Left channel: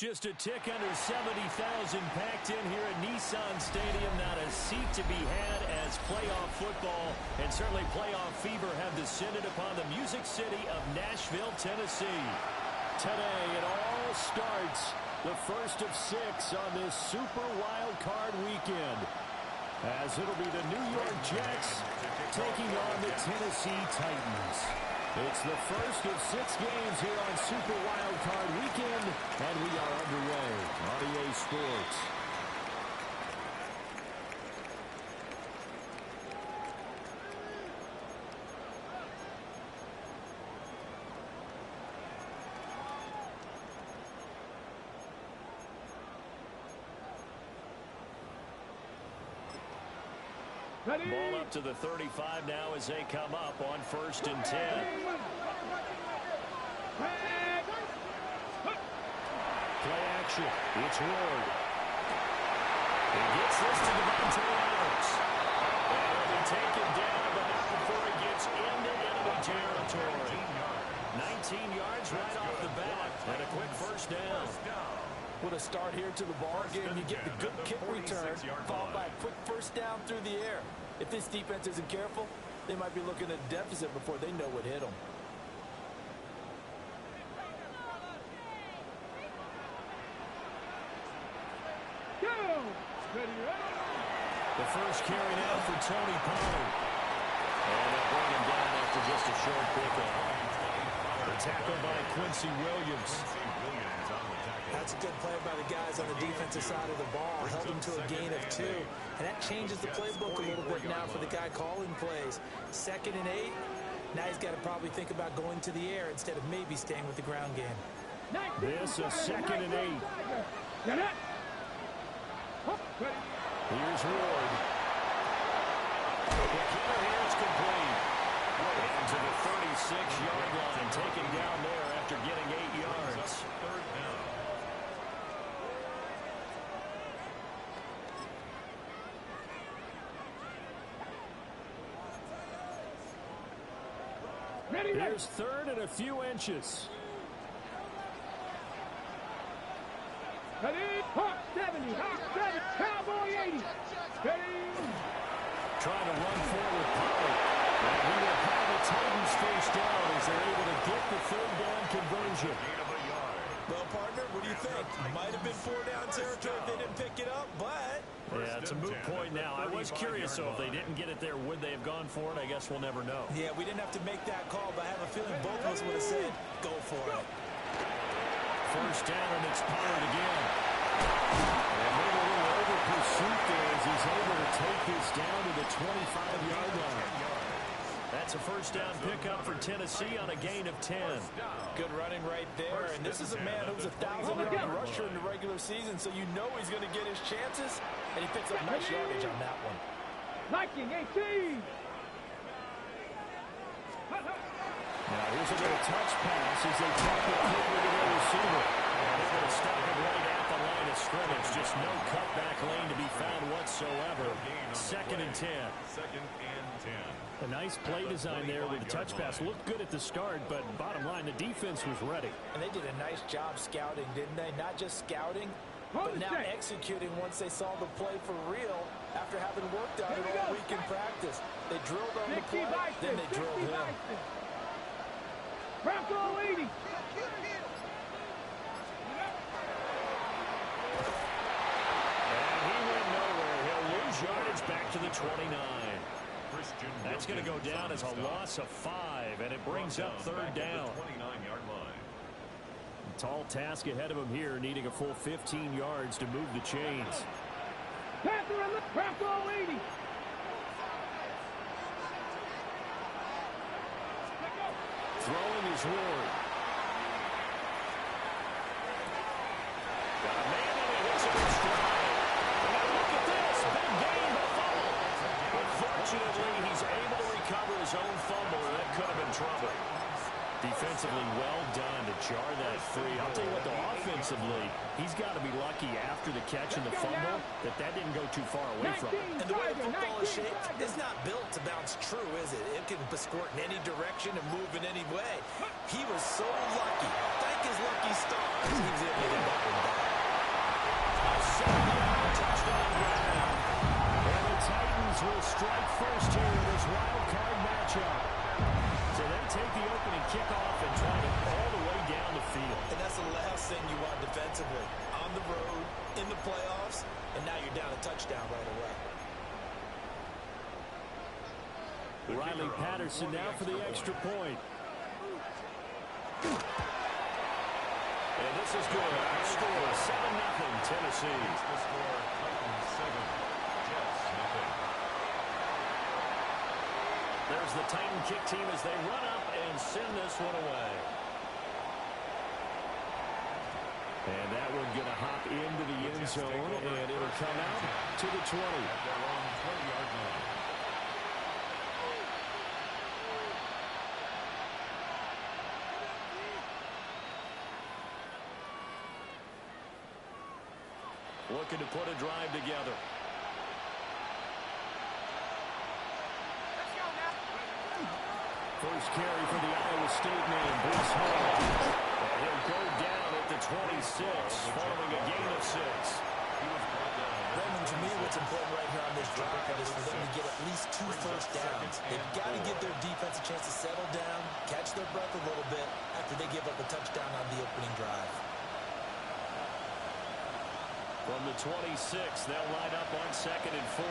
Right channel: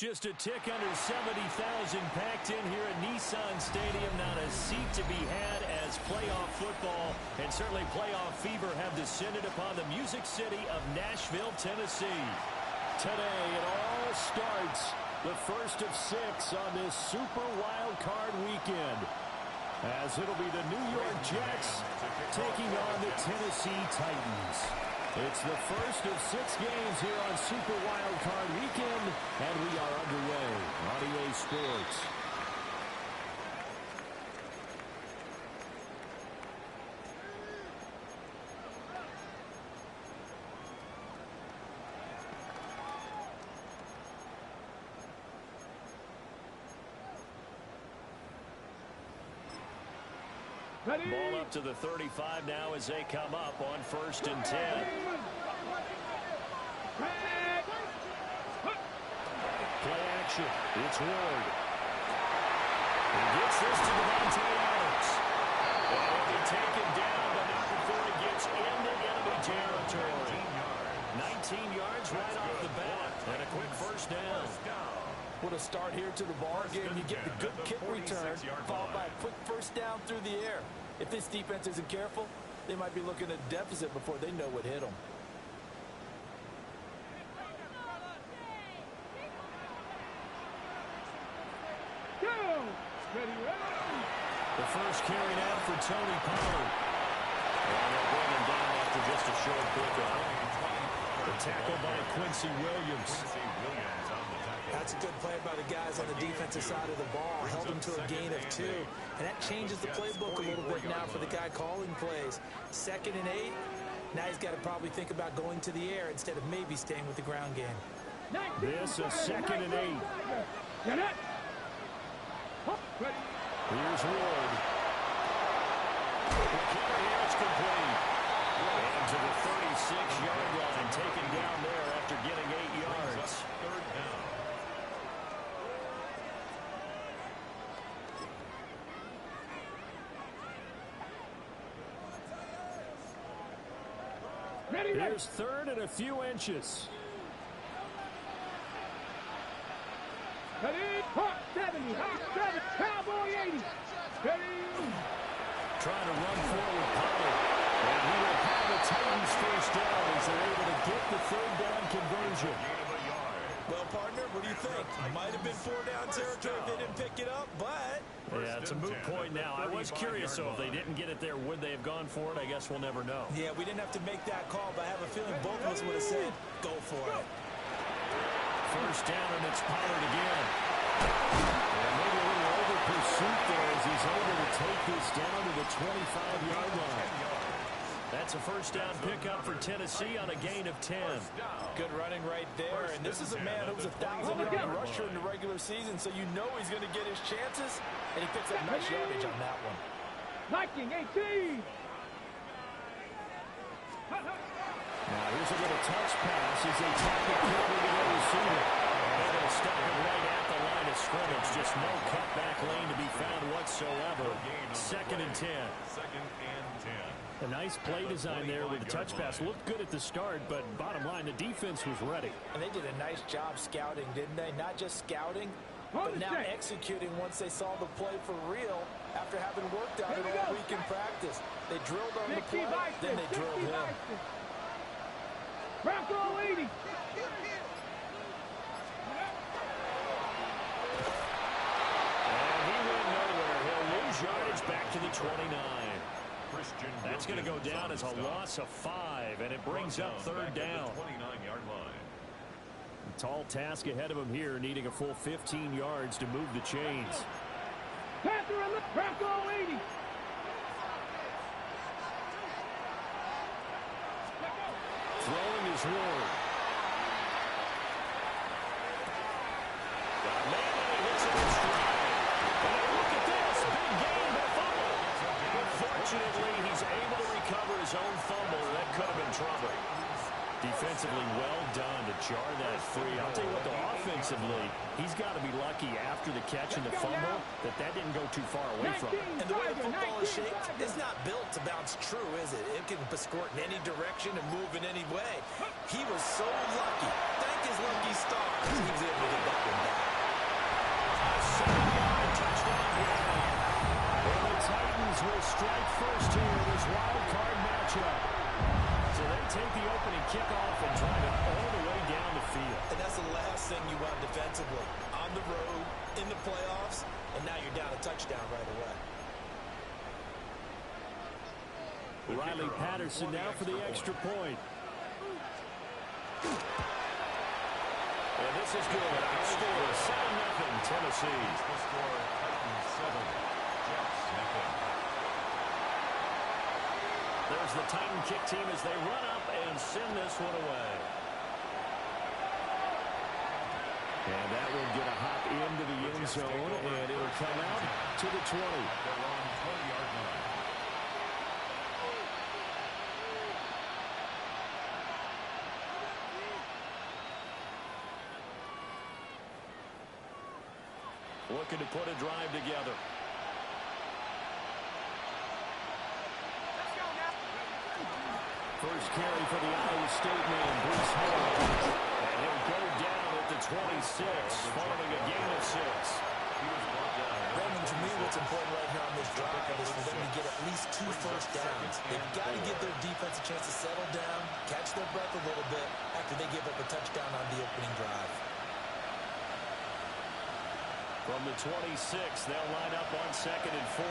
Just a tick under 70,000 packed in here at Nissan Stadium. Not a seat to be had as playoff football and certainly playoff fever have descended upon the Music City of Nashville, Tennessee. Today it all starts, the first of 6 on this Super Wild Card weekend, as it'll be the New York Jets taking on the Tennessee Titans. It's the first of 6 games here on Super Wild Card weekend, and we are underway on EA Sports. Ball up to the 35 now as they come up on 1st and 10. Play action. It's Ward. He gets this to Devontae Adams. And he'll be taken down, but not before he gets into enemy territory. 19 yards right off the bat, and a quick first down. What a start here to the ball game. You get the good kick return, followed by a quick first down through the air. If this defense isn't careful, they might be looking at a deficit before they know what hit them. The first carry now for Tony Pollard. And they'll bring him down after just a short pickup. The tackle by Quincy Williams. That's a good play by the guys on the defensive side of the ball. Held them to a gain of 2. And that changes the playbook a little bit now for the guy calling plays. 2nd and 8. Now he's got to probably think about going to the air instead of maybe staying with the ground game. This is 2nd and 8. Here's Ward. Here it's complete. And to the 36-yard line, taken down there after getting 8 yards. 3rd down. Here's 3rd and a few inches. Ready? Hawk 70. Hawk 7. Cowboy 80. Ready? Trying to run forward, Pollard. And he will have the Titans first down as they're able to get the 3rd down conversion. Well, partner, what do you think? Might have been 4-down territory if they didn't pick it up, but... Yeah, it's a moot point now. I was curious, so if they didn't get it there, would they have gone for it? I guess we'll never know. Yeah, we didn't have to make that call, but I have a feeling both of us would have said, go for it. First down, and it's Pollard again. And maybe a little over pursuit there as he's able to take this down to the 25-yard line. That's a first down pickup for Tennessee on a gain of 10. Good running right there. And this is a man who was a 1,000-yard rusher in the regular season, so you know he's going to get his chances. And he picks up nice yardage on that one. Viking 18. Now here's a little touch pass as they tack it quickly to their receiver. And they're going to stop it right at the line of scrimmage. Just no cutback lane to be found whatsoever. 2nd and 10. 2nd and 10. A nice play design there with the touch pass. Looked good at the start, but bottom line, the defense was ready. And they did a nice job scouting, didn't they? Not just scouting, but now executing once they saw the play for real after having worked on it all week in practice. They drilled on the play, then they drilled him. Bronco 80. And he went nowhere. He'll lose yardage back to the 29. That's going to go down as a loss of 5, and it brings up 3rd down. 29-yard line. Tall task ahead of him here, needing a full 15 yards to move the chains. Bronco 80. Throwing is Ward. Got a man and he hits him in stride. And now look at this. Big gain, but fumble. Unfortunately, he's able to recover his own fumble, and that could have been trouble. Defensively well done to jar that free. I'll tell you what, though, offensively, he's got to be lucky after the catch and the fumble that didn't go too far away from him. And the way the football is shaped, it's not built to bounce true, is it? It can squirt in any direction and move in any way. He was so lucky. Thank his lucky stars. He was able to get that one back. A 7-yard touchdown grab. And the Titans will strike first here in this wild card matchup. So they take the opening kickoff and drive it all the way down the field. And that's the last thing you want defensively. On the road, in the playoffs, and now you're down a touchdown right away. Riley Patterson now for the extra point. And this is good. Our score, 7-0 Tennessee. The score, Titans 7, Jets 0. There's the Titan kick team as they run up and send this one away. And that one going to hop into the end zone, and it'll come out to the 20. At their own 20-yard line. Looking to put a drive together. First carry for the Iowa State man, Bruce Hall. And he'll go down at the 26, following a gain of 6. He was brought down. Raymond, to me, what's important right here on this drive is for them to get at least 2 first downs. They've got to give their defense a chance to settle down, catch their breath a little bit after they give up a touchdown on the opening drive. From the 26, they'll line up on 2nd and 4.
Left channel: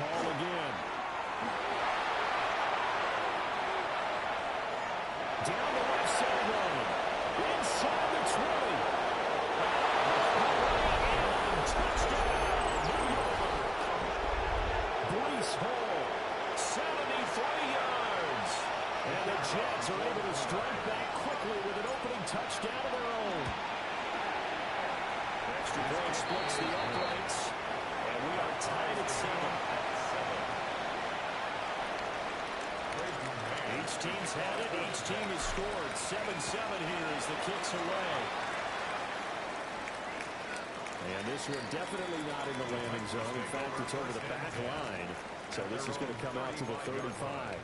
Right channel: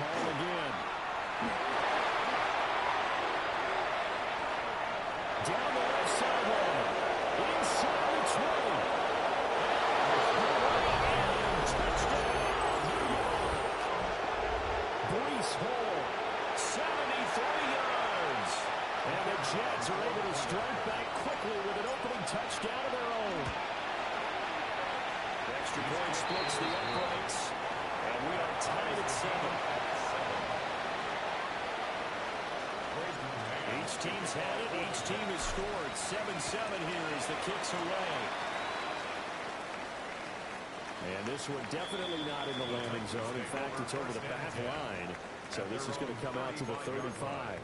Ball again. Down the left sideline. Inside the 20. And touchdown, New York. Breece Hall, 73 yards. And the Jets are able to strike back quickly with an opening touchdown of their own. The extra point splits the uprights. And we are tied at 7. Each team's had it. Each team has scored. 7-7 here as the kick's away. And this one definitely not in the landing zone. In fact, it's over the back line. So this is going to come out to the 35.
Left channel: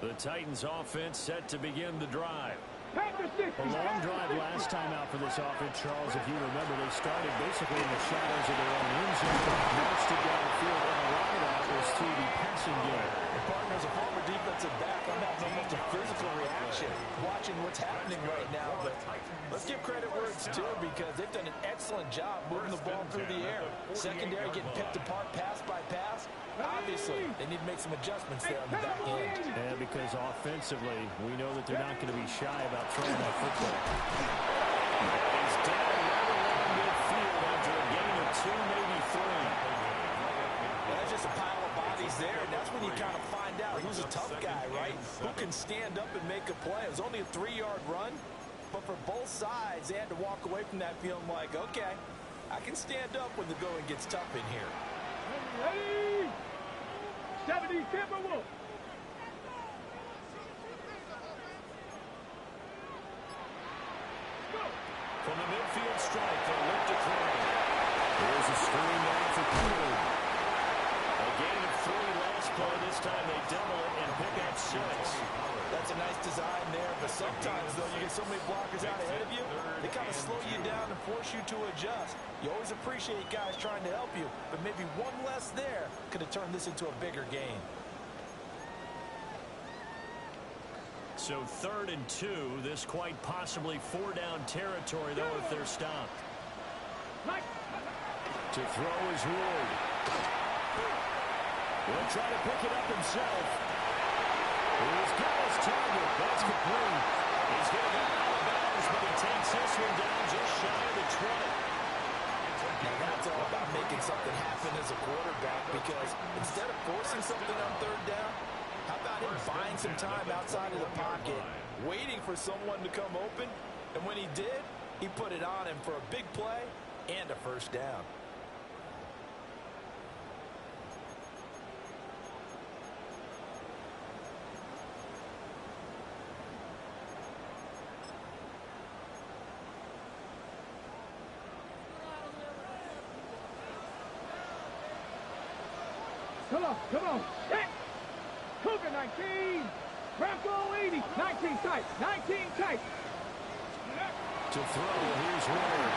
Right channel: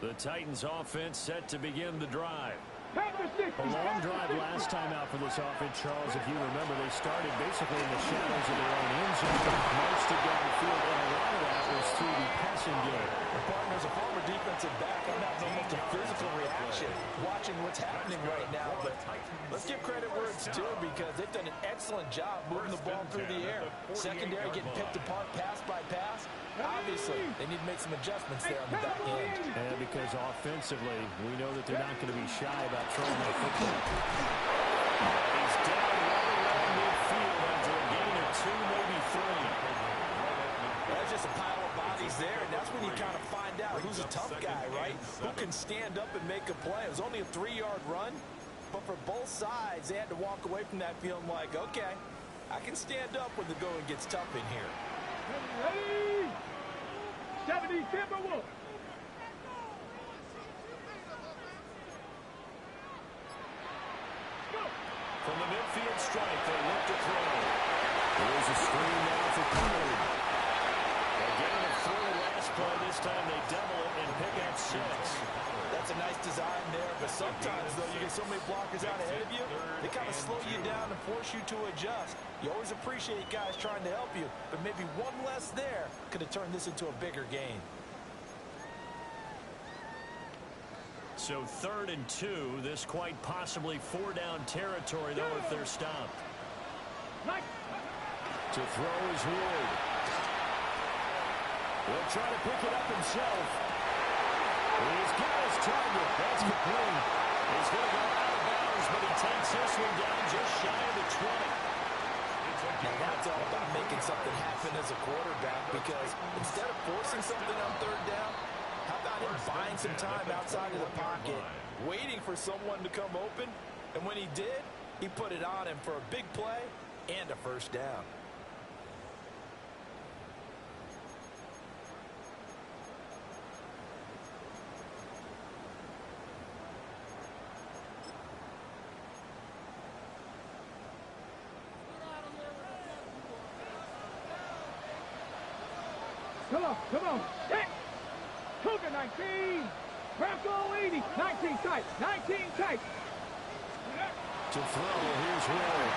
The Titans offense set to begin the drive. A long drive last time out for this offense, Charles. If you remember, they started basically in the shadows of their own end zone, marched it down the field, and a lot of that was through the passing game. Partners, a former defensive back, I'm having almost a physical reaction watching what's happening right now. But let's give credit where it's due because they've done an excellent job moving the ball through the air. Secondary getting picked apart pass by pass. Obviously, they need to make some adjustments there on the back end. And because offensively, we know that they're not going to be shy about throwing that football. He's down right around midfield after a gain of 2, maybe 3. That's just a pile of bodies there, and that's when you kind of find out who's a tough guy, right? Who can stand up and make a play. It was only a 3-yard run, but for both sides, they had to walk away from that feeling like, okay, I can stand up when the going gets tough in here. Ready? 70 Timberwolves. From the midfield strike, they'll look to throw. Here's a screen now for Pollard. A gain of 3 last play. This time they double it and pick up 6. That's a nice design there, but sometimes, though, you get so many blockers out ahead of you, they kind of slow you down and force you to adjust. You always appreciate guys trying to help you, but maybe one less there could have turned this into a bigger gain. So 3rd and 2. This quite possibly 4-down territory, though, if they're stopped. To throw is Ward. He'll try to pick it up himself. He's got his target. That's complete. He's going to go out of bounds, but he takes this one down just shy of the 20. Now that's all about making something happen as a quarterback, because instead of forcing something on 3rd down, how about him buying some time outside of the pocket, waiting for someone to come open, and when he did, he put it on him for a big play and a first down. Come on. Hit. Cougar 19. Bronco 80. 19 tight. 19 tight. To throw, here's Ward.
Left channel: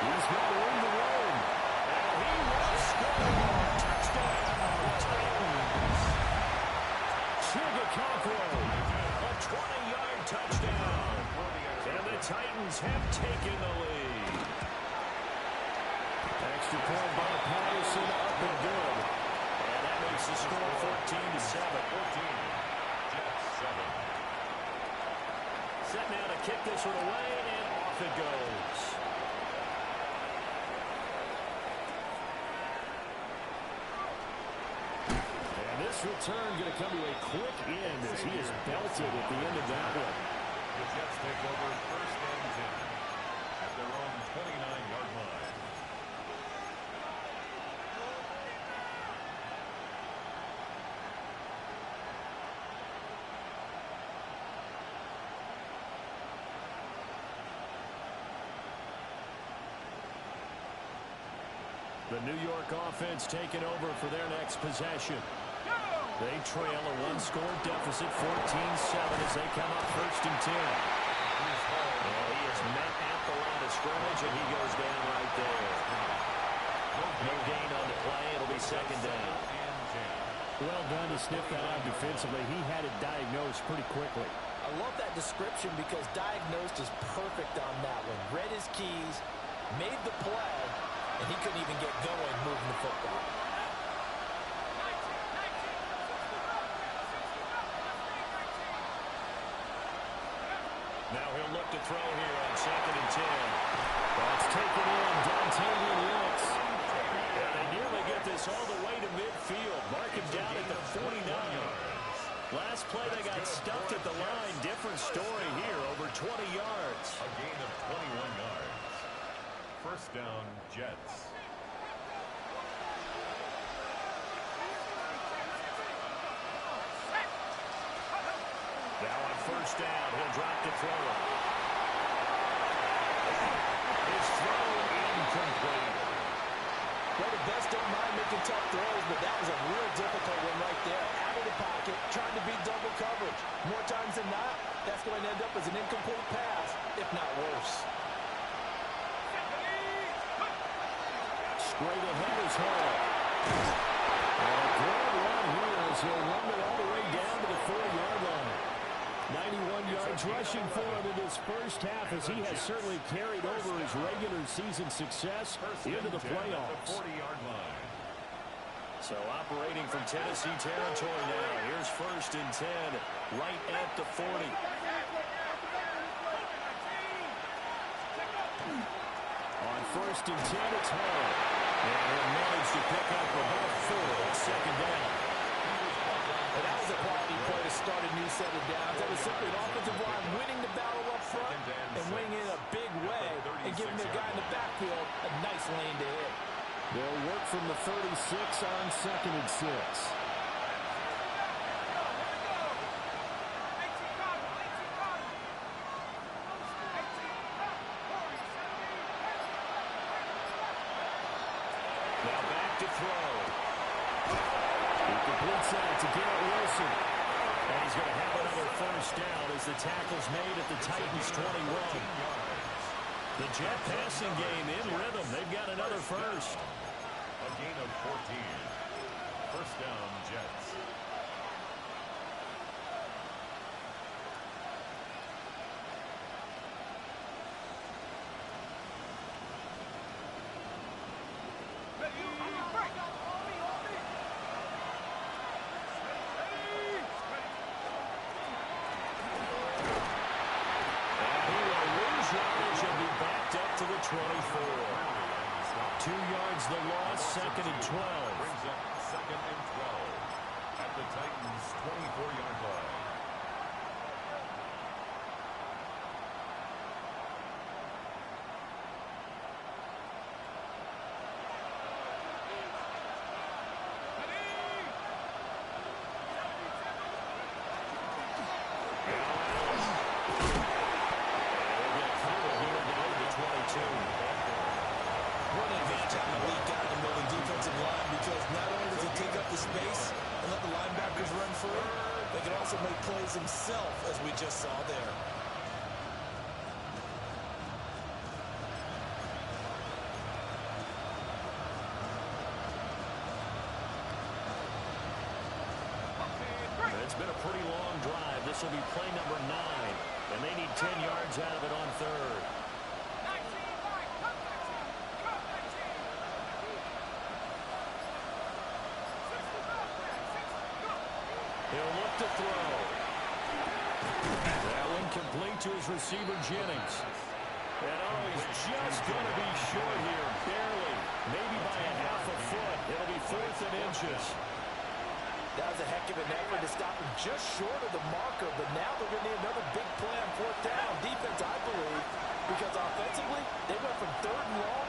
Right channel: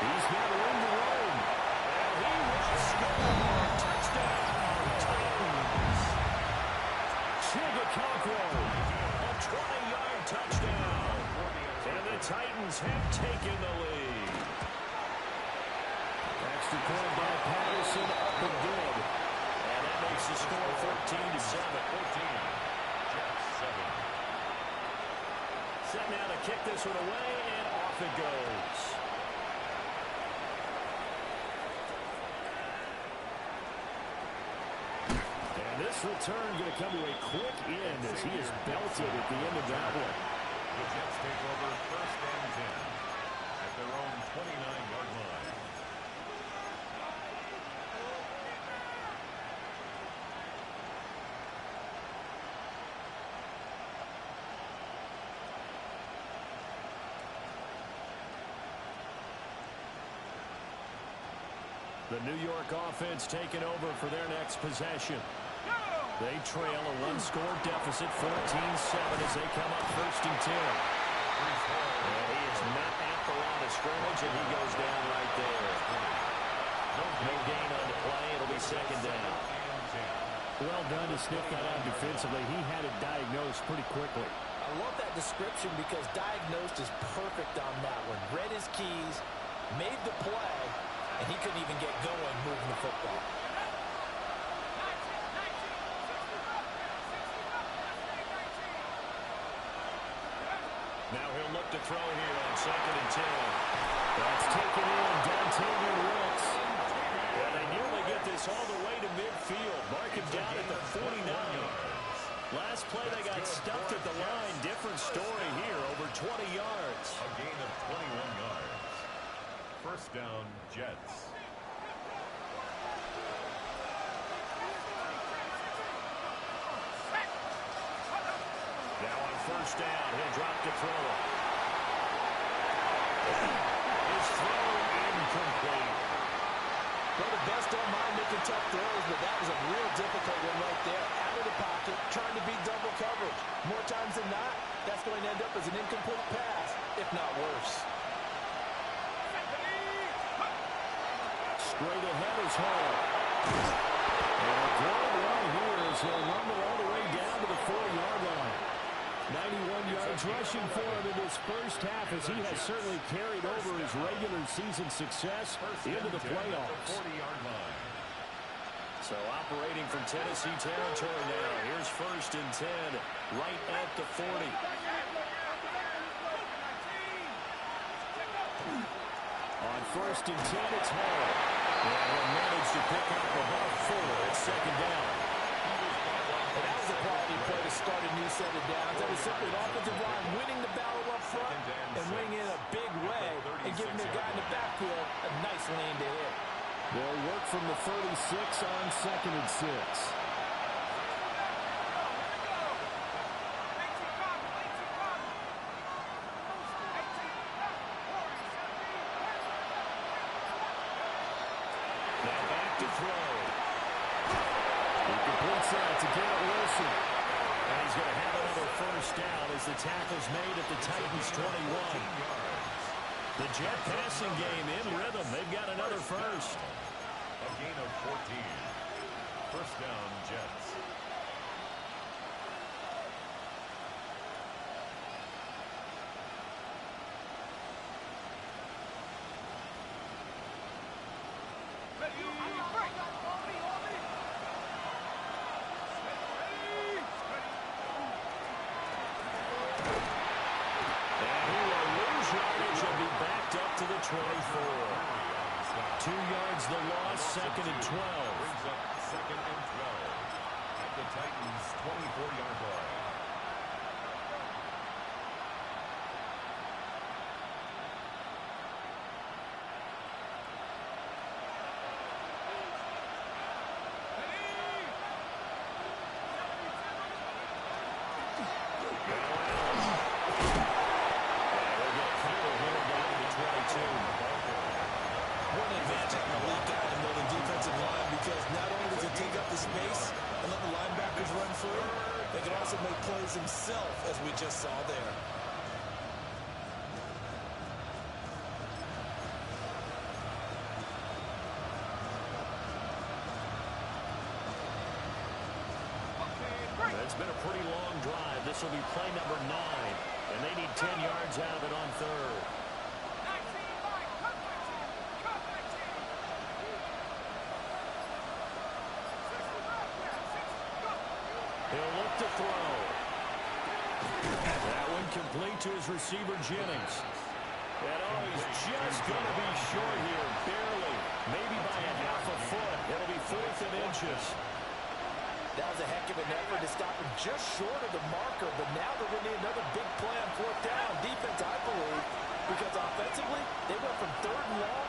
He's got room to roam. And he will score. Touchdown, Titans. Chigacocro, a 20-yard touchdown. And the Titans have taken the lead. Extra point by Patterson, up and good. And that makes the score 14-7. 14. Jets 7. Set now to kick this one away, and off it goes. And this return going to come to a quick end as he is belted at the end of that one. The Jets take over 1st and 10 at their own 29-yard line. The New York offense taking over for their next possession. They trail a one-score deficit, 14-7, as they come up 1st and 10. And he is met at the line of scrimmage, and he goes down right there. No gain on the play. It'll be 2nd down. Well done to sniff that out defensively. He had it diagnosed pretty quickly. I love that description because diagnosed is perfect on that one. Read his keys, made the play, and he couldn't even get going moving the football. Now he'll look to throw here on 2nd and 10. That's taken in, Dontavian Wilkes. And they nearly get this all the way to midfield. Mark him down at the 49. Last play they got stuffed at the line. Different story here, over 20 yards. A gain of 21 yards. 1st down, Jets. Now on 1st down, he'll drop to throw it. His throw incomplete. Well, the best don't mind making tough throws, but that was a real difficult one right there. Out of the pocket, trying to beat double coverage. More times than not, that's going to end up as an incomplete pass, if not worse. Straight ahead is Hall. And a good run here as he'll rumble all the way down to the 4-yard line. 91 yards rushing for him in this first half, as he has certainly carried over his regular season success into the playoffs. 40-yard line. So operating from Tennessee territory now. Here's 1st and 10, right at the 40. On 1st and 10, it's Hall. And he'll manage to pick up about 4 at 2nd down. And that was a quality play to start a new set of downs. That was simply an offensive line winning the battle up front and winning in a big way and giving their guy in the backfield a nice lane to hit. They'll work from the 36 on 2nd and 6. Now back to throw. He completes that to Garrett Wilson. And he's going to have another 1st down as the tackle's made at the Titans' 21. The Jet passing game in rhythm. They've got another 1st. A gain of 14. 1st down, Jets. To the 24. 2 yards the loss, 2nd and 12. Brings up 2nd and 12 at the Titans' 24-yard line. advantage having a elite guy in the middle of the defensive line because not only does he take up the space and let the linebackers run free, they can also make plays himself, as we just saw there. It's been a pretty long drive. This will be play number 9, and they need 10 yards out of it on third. He'll look to throw. That one complete to his receiver, Jennings. And he's just going to be short here, barely. Maybe by a half a foot. It'll be 4th and inches. That was a heck of an effort to stop him just short of the marker, but now they're going to need another big play on 4th down. Defense, I believe, because offensively, they went from 3rd and long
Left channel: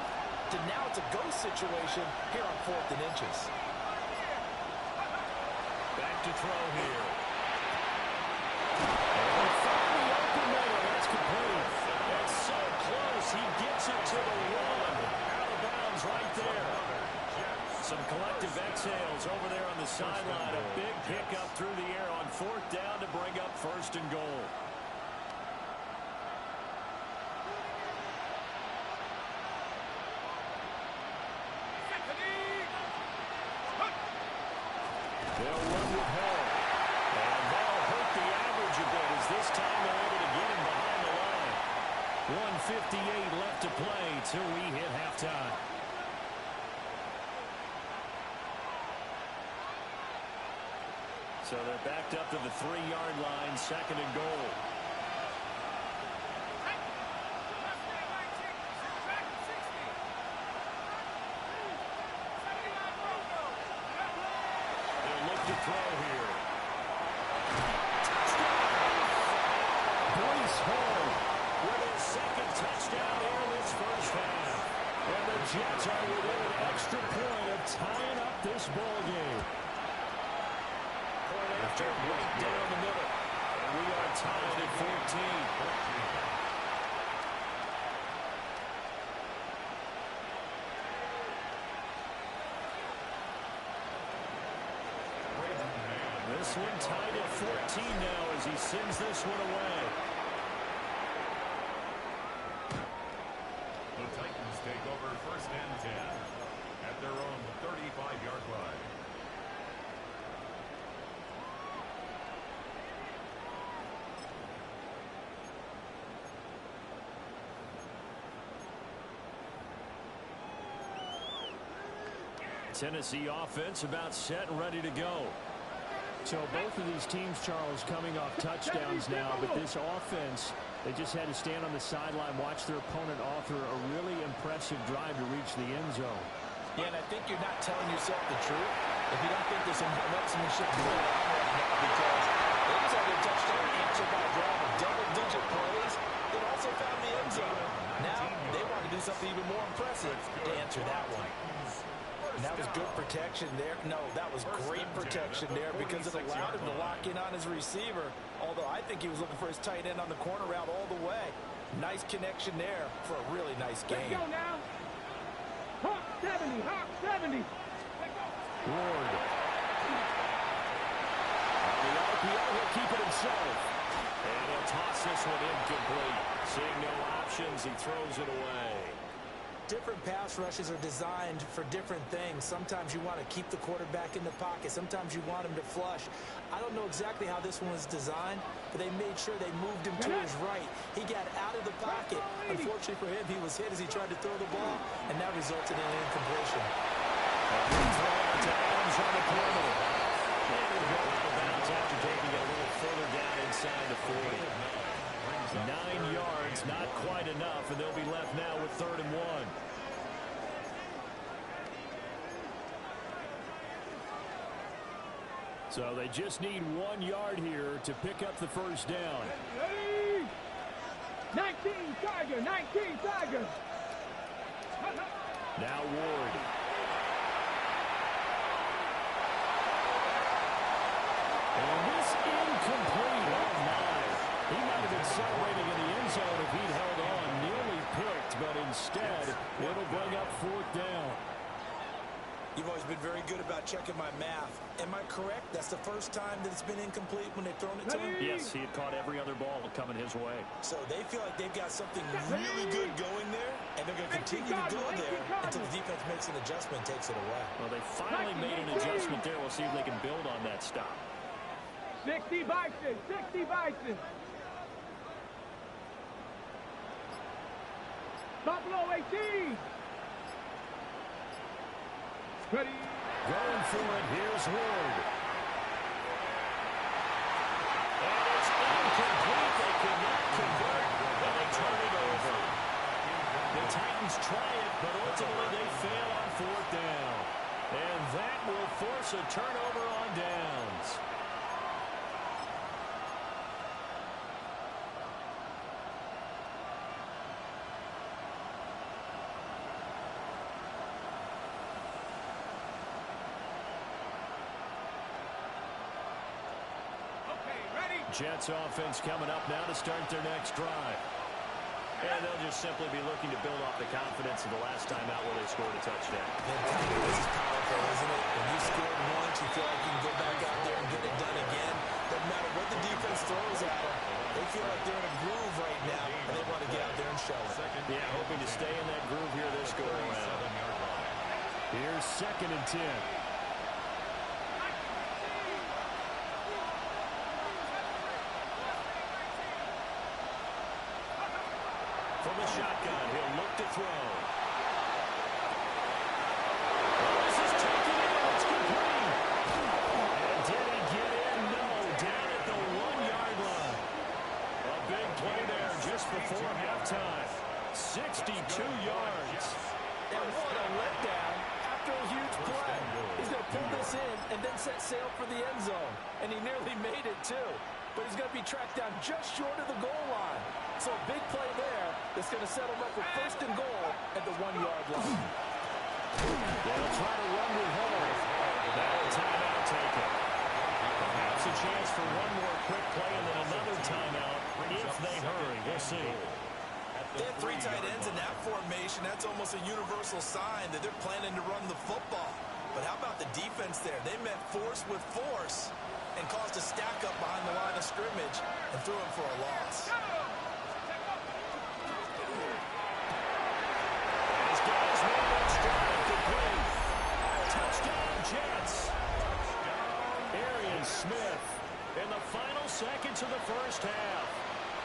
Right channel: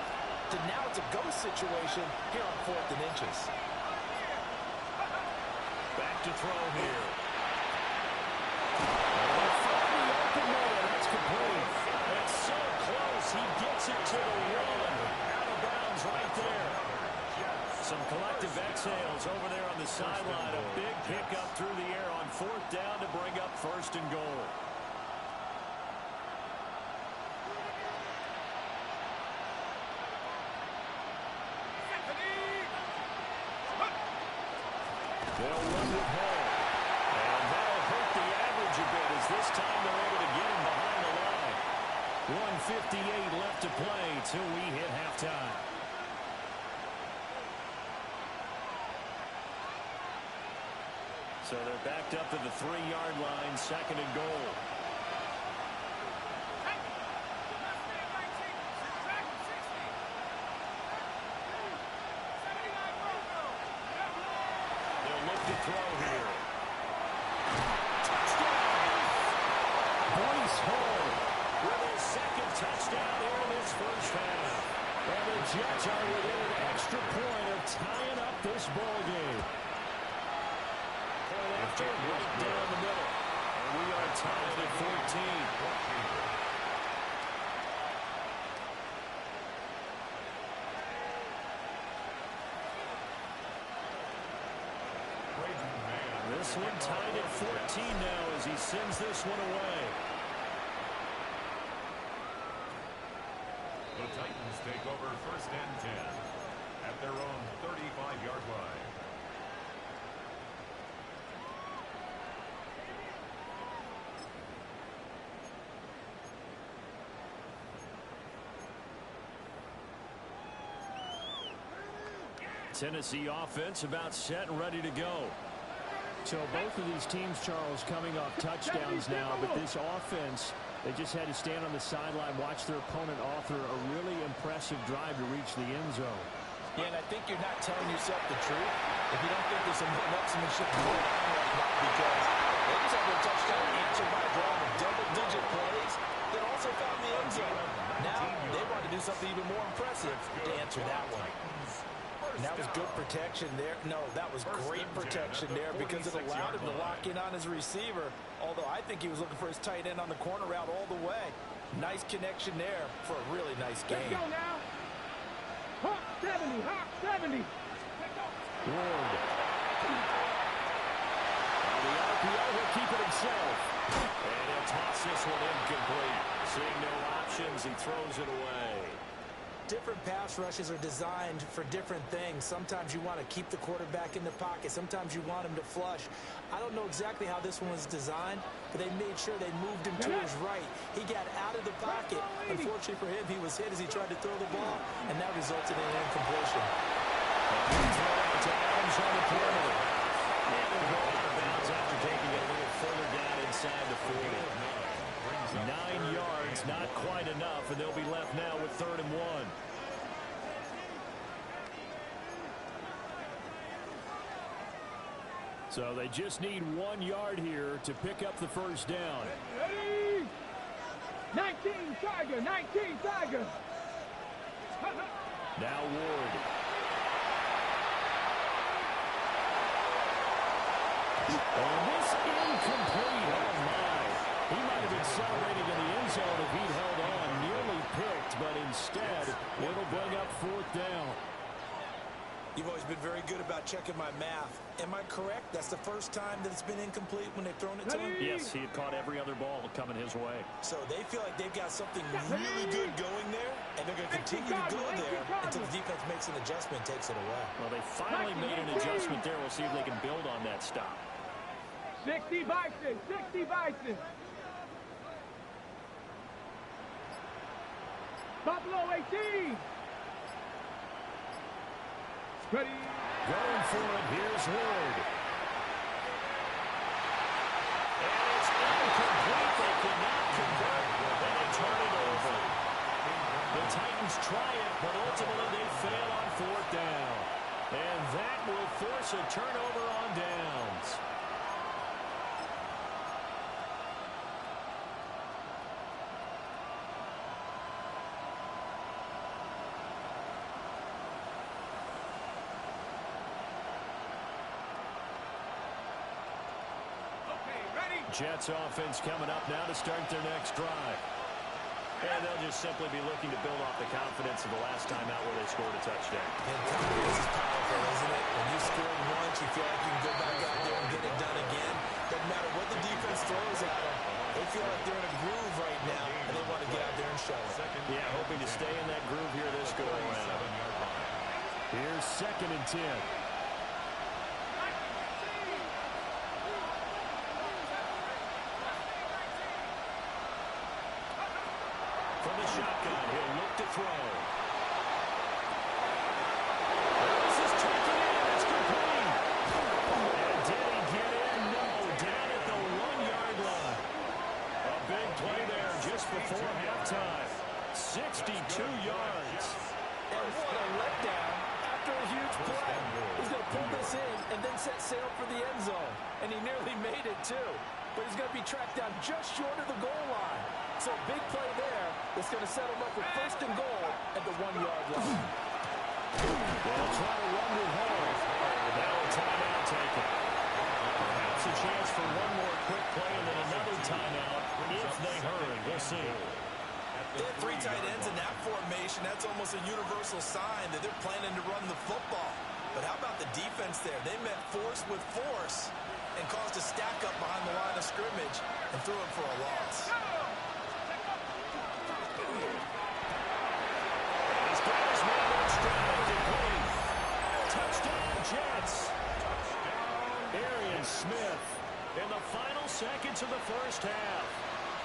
to now it's a ghost situation here on 4th and inches. Back to throw here. And from the open middle, that's complete. That's so close, he gets it to the 1. Out of bounds right there. Some collective exhales over there on the sideline. A big pickup through the air on 4th down to bring up 1st and goal. They'll run with Hall. And that'll hurt the average a bit as this time they're able to get him behind the line. 1:58 left to play till we hit halftime. So they're backed up to the 3-yard line, 2nd and goal. They'll look to throw here. Touchdown! Bryce Hall with his 2nd touchdown here in this first half. And the Jets are within an extra point of tying up this ball game. Point after, right down the middle. And we are tied at 14. This one tied at 14 now as he sends this one away. The Titans take over 1st and 10 at their own 35-yard line. Tennessee offense about set and ready to go. So both of these teams, Charles, coming off touchdowns now, but this offense, they just had to stand on the sideline, watch their opponent author a really impressive drive to reach the end zone. Yeah, and I think you're not telling yourself the truth if you don't think there's some one-upsmanship going on right now, because they just had their touchdown answered by a drive of double-digit plays that also found the end zone. Now they want to do something even more impressive to answer that one. And that was good protection there. No, that was great protection there because it allowed him to lock in on his receiver, although I think he was looking for his tight end on the corner route all the way. Nice connection there for a really nice game. Let's go now. Hawk 70, Hawk 70. Ward. On the RPO, he'll keep it himself. And he'll toss this one incomplete. Seeing no options, he throws it away. Different pass rushes are designed for different things. Sometimes you want to keep the quarterback in the pocket. Sometimes you want him to flush. I don't know exactly how this one was designed, but they made sure they moved him to his right. He got out of the pocket. Unfortunately for him, he was hit as he tried to throw the ball, and that resulted in an incompletion. A good throw out to Adams on the perimeter. And it'll go out of bounds after taking it a little further down inside the 40. 9 yards, not quite enough, and they'll be left now with 3rd and 1. So they just need 1 yard here to pick up the first down. Ready? 19 Tiger, 19 Tiger. Now Ward. And this incomplete. Oh, my. He might have been celebrating in the end zone if he'd held on. Nearly picked, but instead It'll bring up 4th down. You've always been very good about checking my math. Am I correct? That's the first time that it's been incomplete when they've thrown it to him? Yes, he had caught every other ball coming his way. So they feel like they've got something really good going there, and they're going to continue to go there until the defense makes an adjustment and takes it away. Well, they finally made an adjustment there. We'll see if they can build on that stop. 60 Bison, 60 Bison. Buffalo 18. Ready. Going for it. Here's Ward. And it's incomplete. They cannot convert, and they turn it over. The Titans try it, but ultimately they fail on 4th down. And that will force a turnover on downs. Jets offense coming up now to start their next drive. And they'll just simply be looking to build off the confidence of the last time out where they scored a touchdown. And confidence is powerful, isn't it? When you scored once, you feel like you can go back out there and get it done again. Doesn't matter what the defense throws at them. They feel like they're in a groove right now, and they want to get out there and show it. Yeah, hoping to stay in that groove here this go-around. Here's 2nd and 10. From the shotgun, he'll look to throw. Well, this is taken in. It's complete. And did he get in? No. Down at the 1-yard line. A big play there just before halftime. 62 yards. And what a letdown after a huge play. He's going to pull this in and then set sail for the end zone. And he nearly made it, too. But he's going to be tracked down just short of the goal line. So a big play there that's going to set him up with 1st and goal at the 1-yard line. They'll try to run with Hall. Now a timeout taken. Perhaps a chance for one more quick play and then another timeout if they hurry. We'll see. They have 3 tight ends in that formation. That's almost a universal sign that they're planning to run the football. But how about the defense there? They met force with force and caused a stack up behind the line of scrimmage and threw him for a loss. And he's got his man on stride. Complete. Touchdown, Jets. Arian Smith in the final seconds of the first half.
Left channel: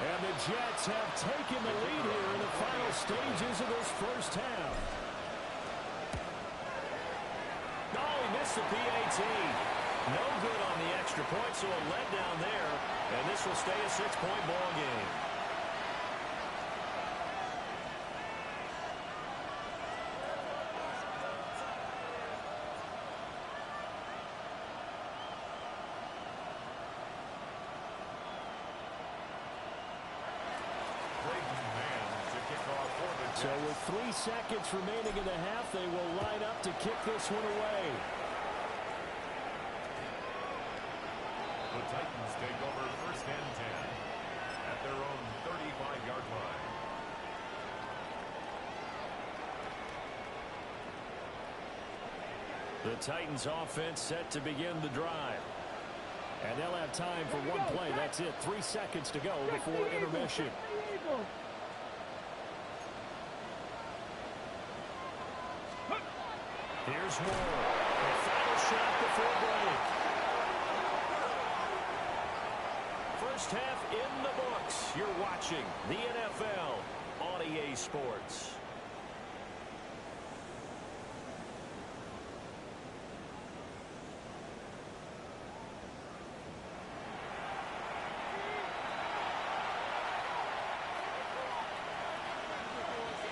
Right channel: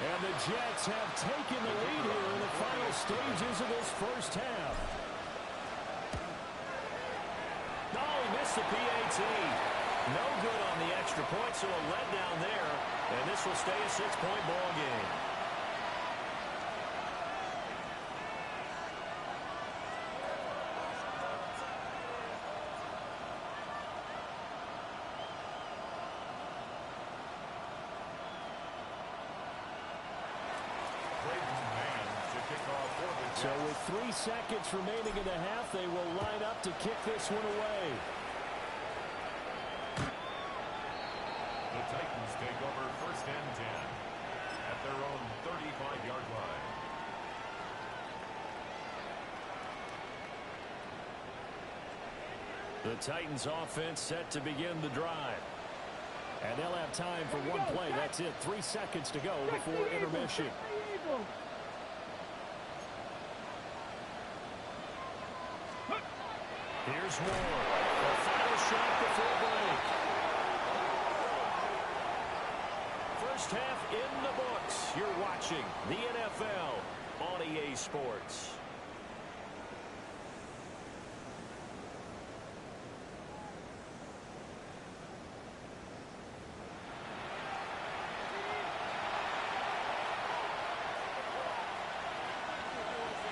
And the Jets have taken the lead here in the final stages of this first half. Oh, he missed the PAT. No good on the extra point, so a letdown there. And this will stay a 6-point ball game. So with 3 seconds remaining in the half, they will line up to kick this one away. The Titans take over 1st and 10 at their own 35-yard line. The Titans offense set to begin the drive. And they'll have time for one play. That's it. 3 seconds to go before intermission. Here's Ward. A final shot before break. First half in the books. You're watching the NFL on EA Sports.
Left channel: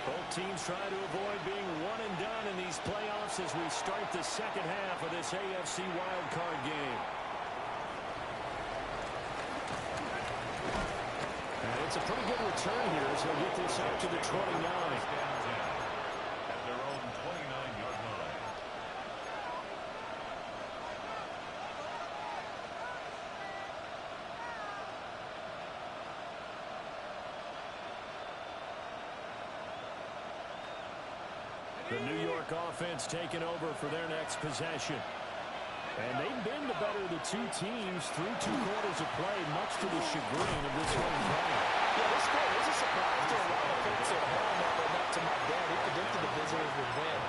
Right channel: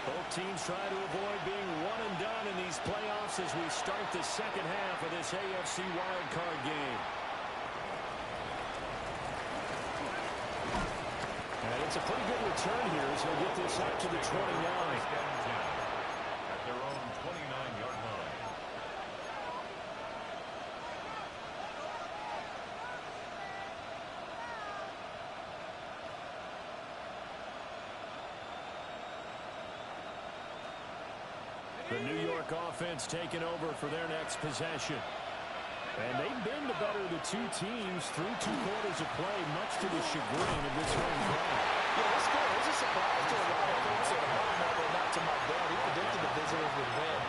Both teams try to avoid being one and done in these playoffs as we start the second half of this AFC wildcard game. And it's a pretty good return here as he'll get this out to the 29. At their own 29-yard line. The New York offense taking over for their next possession. And they've been the better of the two teams through 2 quarters of play, much to the chagrin of this home crowd. Yeah, this score is a surprise to a lot of folks at home, although not to my dad. He predicted the visitors would win.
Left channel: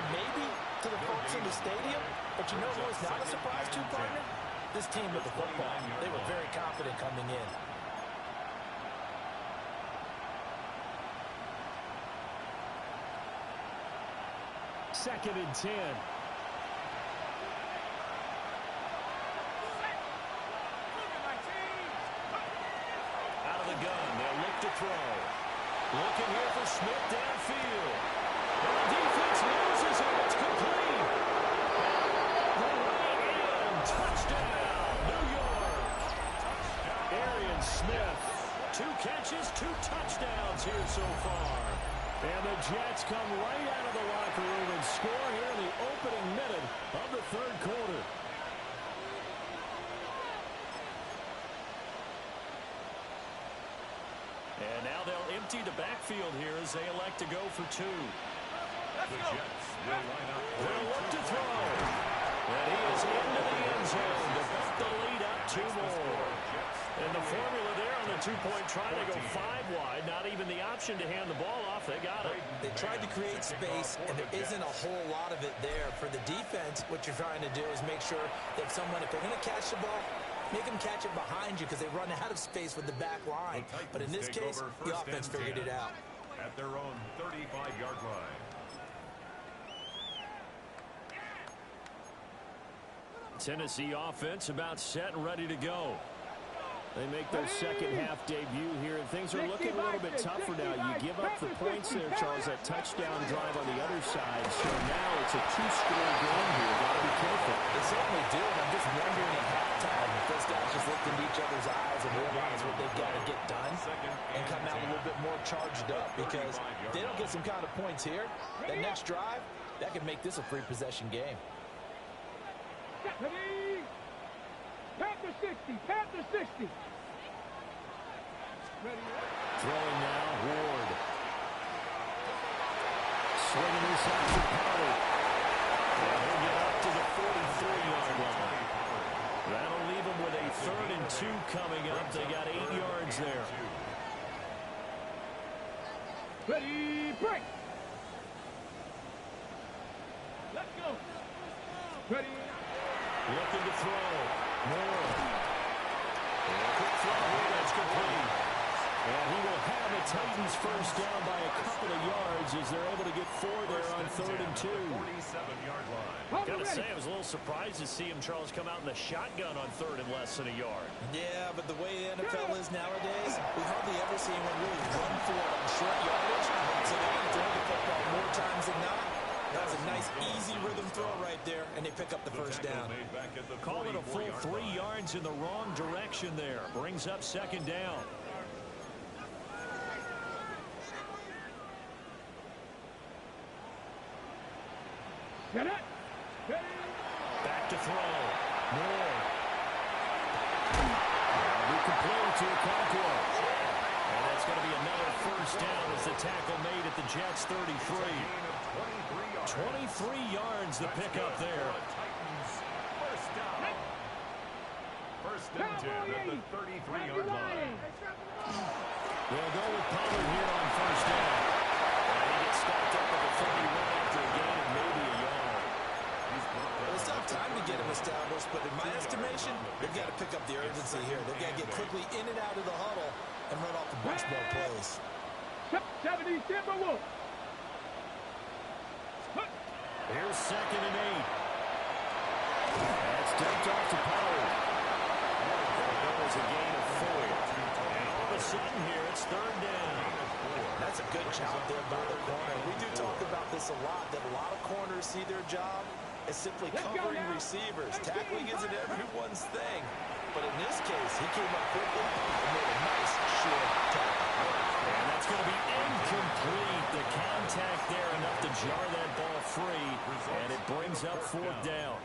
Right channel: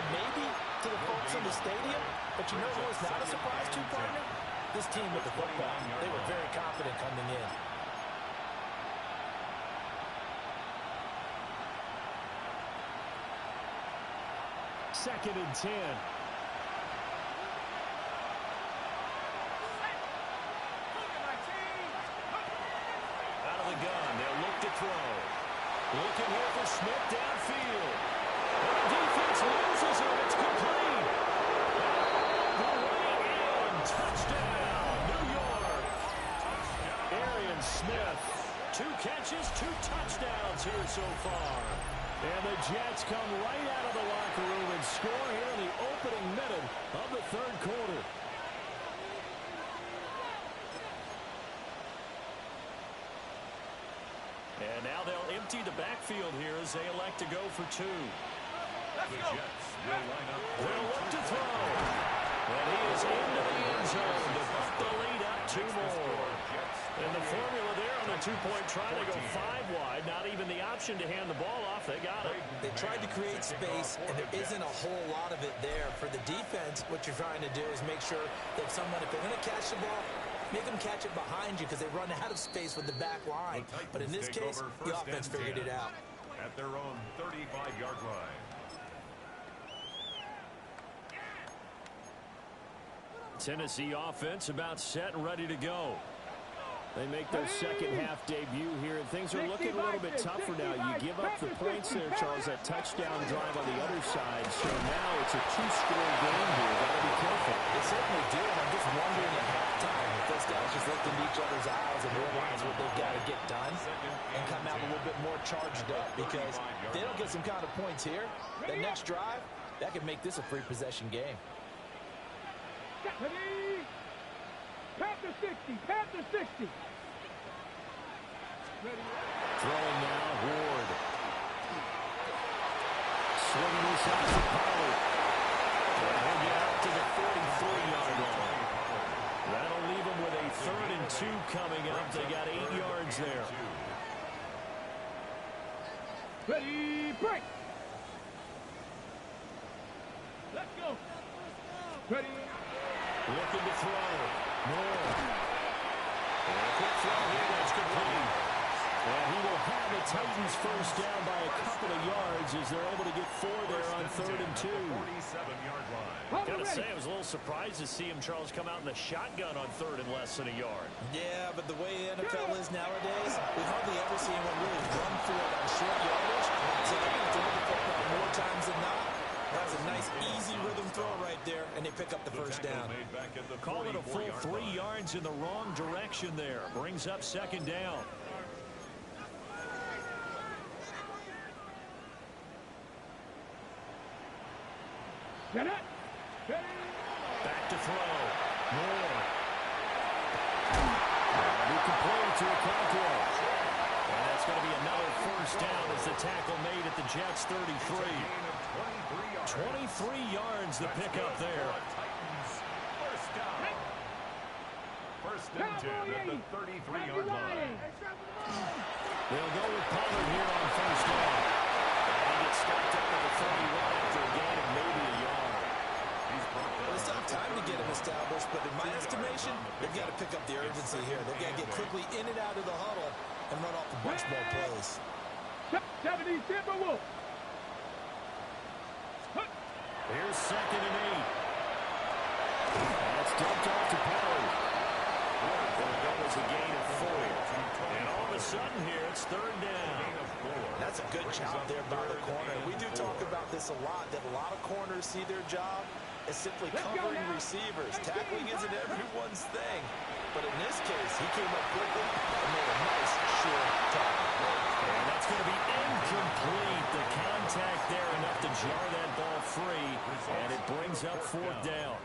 And maybe to the folks in the stadium, but you know who was not a surprise to, partner? This team with the football. They were very confident coming in. Second and 10. Out of the gun, they'll look to throw. Looking here for Smith downfield. And the defense loses him. It's complete. The way in. Touchdown, New York. Arian Smith. 2 catches, 2 touchdowns here so far. And the Jets come right out of the locker room and score here in the opening minute of the 3rd quarter. And now they'll empty the backfield here as they elect to go for 2. The Jets will line up. They'll look to throw. And he is into the end zone to bump the lead up 2 more. And the formula there on the 2-point try to go 5 wide. Not even the option to hand the ball off. They got it. They tried to create space, and there isn't a whole lot of it there. For the defense, what you're trying to do is make sure that someone, if they're going to catch the ball, make them catch it behind you because they run out of space with the back line. But in this case, the offense figured it out. At their own 35-yard line. Tennessee offense about set and ready to go. They make their second half debut here, and things are looking a little bit tougher now. You give up the points there, Charles, that touchdown drive on the other side. So now it's a 2-score game here. Got to be careful. They certainly do, and I'm just wondering at halftime if those guys just looked into each other's eyes and realize what they've got to get done and come out a little bit more charged up, because if they don't get some kind of points here, that next drive, that could make this a 3-possession game. Panther 60, Panther 60. Throwing now, Ward. Swinging this out to Pollard. And he'll get up to the 43-yard line. That'll leave him with a 3rd and 2 coming up. They got 8 yards there. Ready, break. Let's go. Ready. Looking to throw. Moore. And a quick throw here. That's complete. And he will have the Titans first down by a couple of yards as they're able to get 4 there on 3rd and 2. 47-yard line. Got to say, I was a little surprised to see him, Charles, come out in the shotgun on 3rd and less than a yard. Yeah, but the way the NFL is nowadays, we hardly ever see anyone really run for it on short yardage. So they're going to throw the football more times than not. That's a nice, easy rhythm throw right there, and they pick up the first down. Call it a full 3 yards in the wrong direction there. Brings up 2nd down. Get it. Back to throw. Moore. And he completed to Okonkwo. And that's going to be another first down as the tackle made at the Jets' 33. 23 yards the pickup there. First down. First and 10 at the 33-yard line. They'll go with Pollard here on first down. And he gets stopped up at the 31 after a gain of maybe a yard. Well, it's not time to get him established, but in my estimation, they've got to pick up the urgency here. They've got to get quickly in and out of the huddle and run off a bunch more plays. 70 Timberwolves. Here's 2nd and 8. That's dumped off to Pollard. That'll go as a gain of 4. And all of a sudden here, it's 3rd down. That's a good job there by the corner. We do talk about this a lot, that a lot of corners see their job as simply covering receivers. Tackling isn't everyone's thing. But in this case, he came up quickly and made a nice, short tackle. And that's going to be incomplete. The contact there enough to jar that ball free, and it brings up 4th down.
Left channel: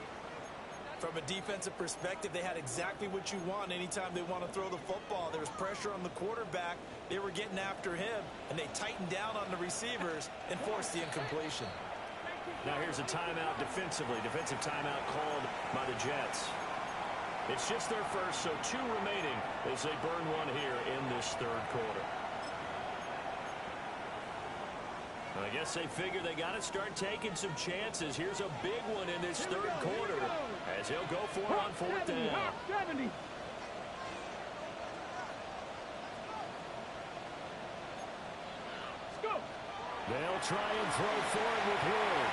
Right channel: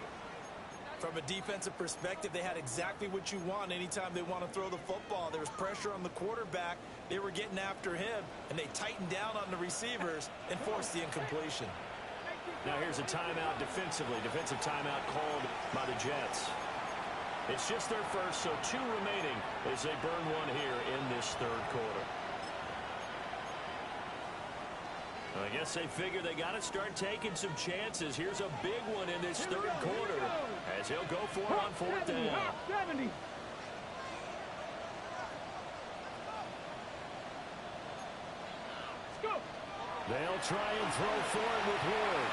From a defensive perspective, they had exactly what you want anytime they want to throw the football. There was pressure on the quarterback. They were getting after him, and they tightened down on the receivers and forced the incompletion. Now here's a timeout defensively. Defensive timeout called by the Jets. It's just their first, so 2 remaining as they burn one here in this third quarter. I guess they figure they got to start taking some chances. Here's a big one in this third quarter as he'll go for it on 4th down. 70. Go. They'll try and throw for it with Ward.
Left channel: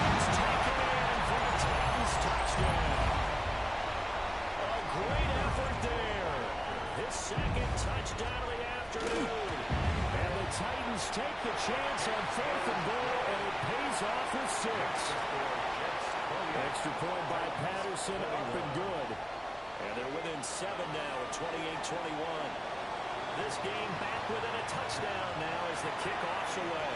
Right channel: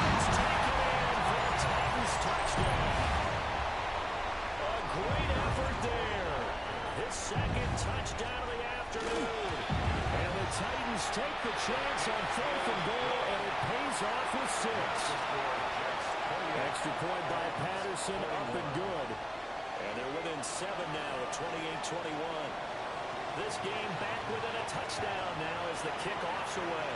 It's taken in for the Titans touchdown. A great effort there. His second touchdown of the afternoon. And the Titans take the chance on 4th and goal, and it pays off with 6. Extra point by Patterson, up and good. And they're within 7 now at 28-21. This game back within a touchdown now as the kickoff's away.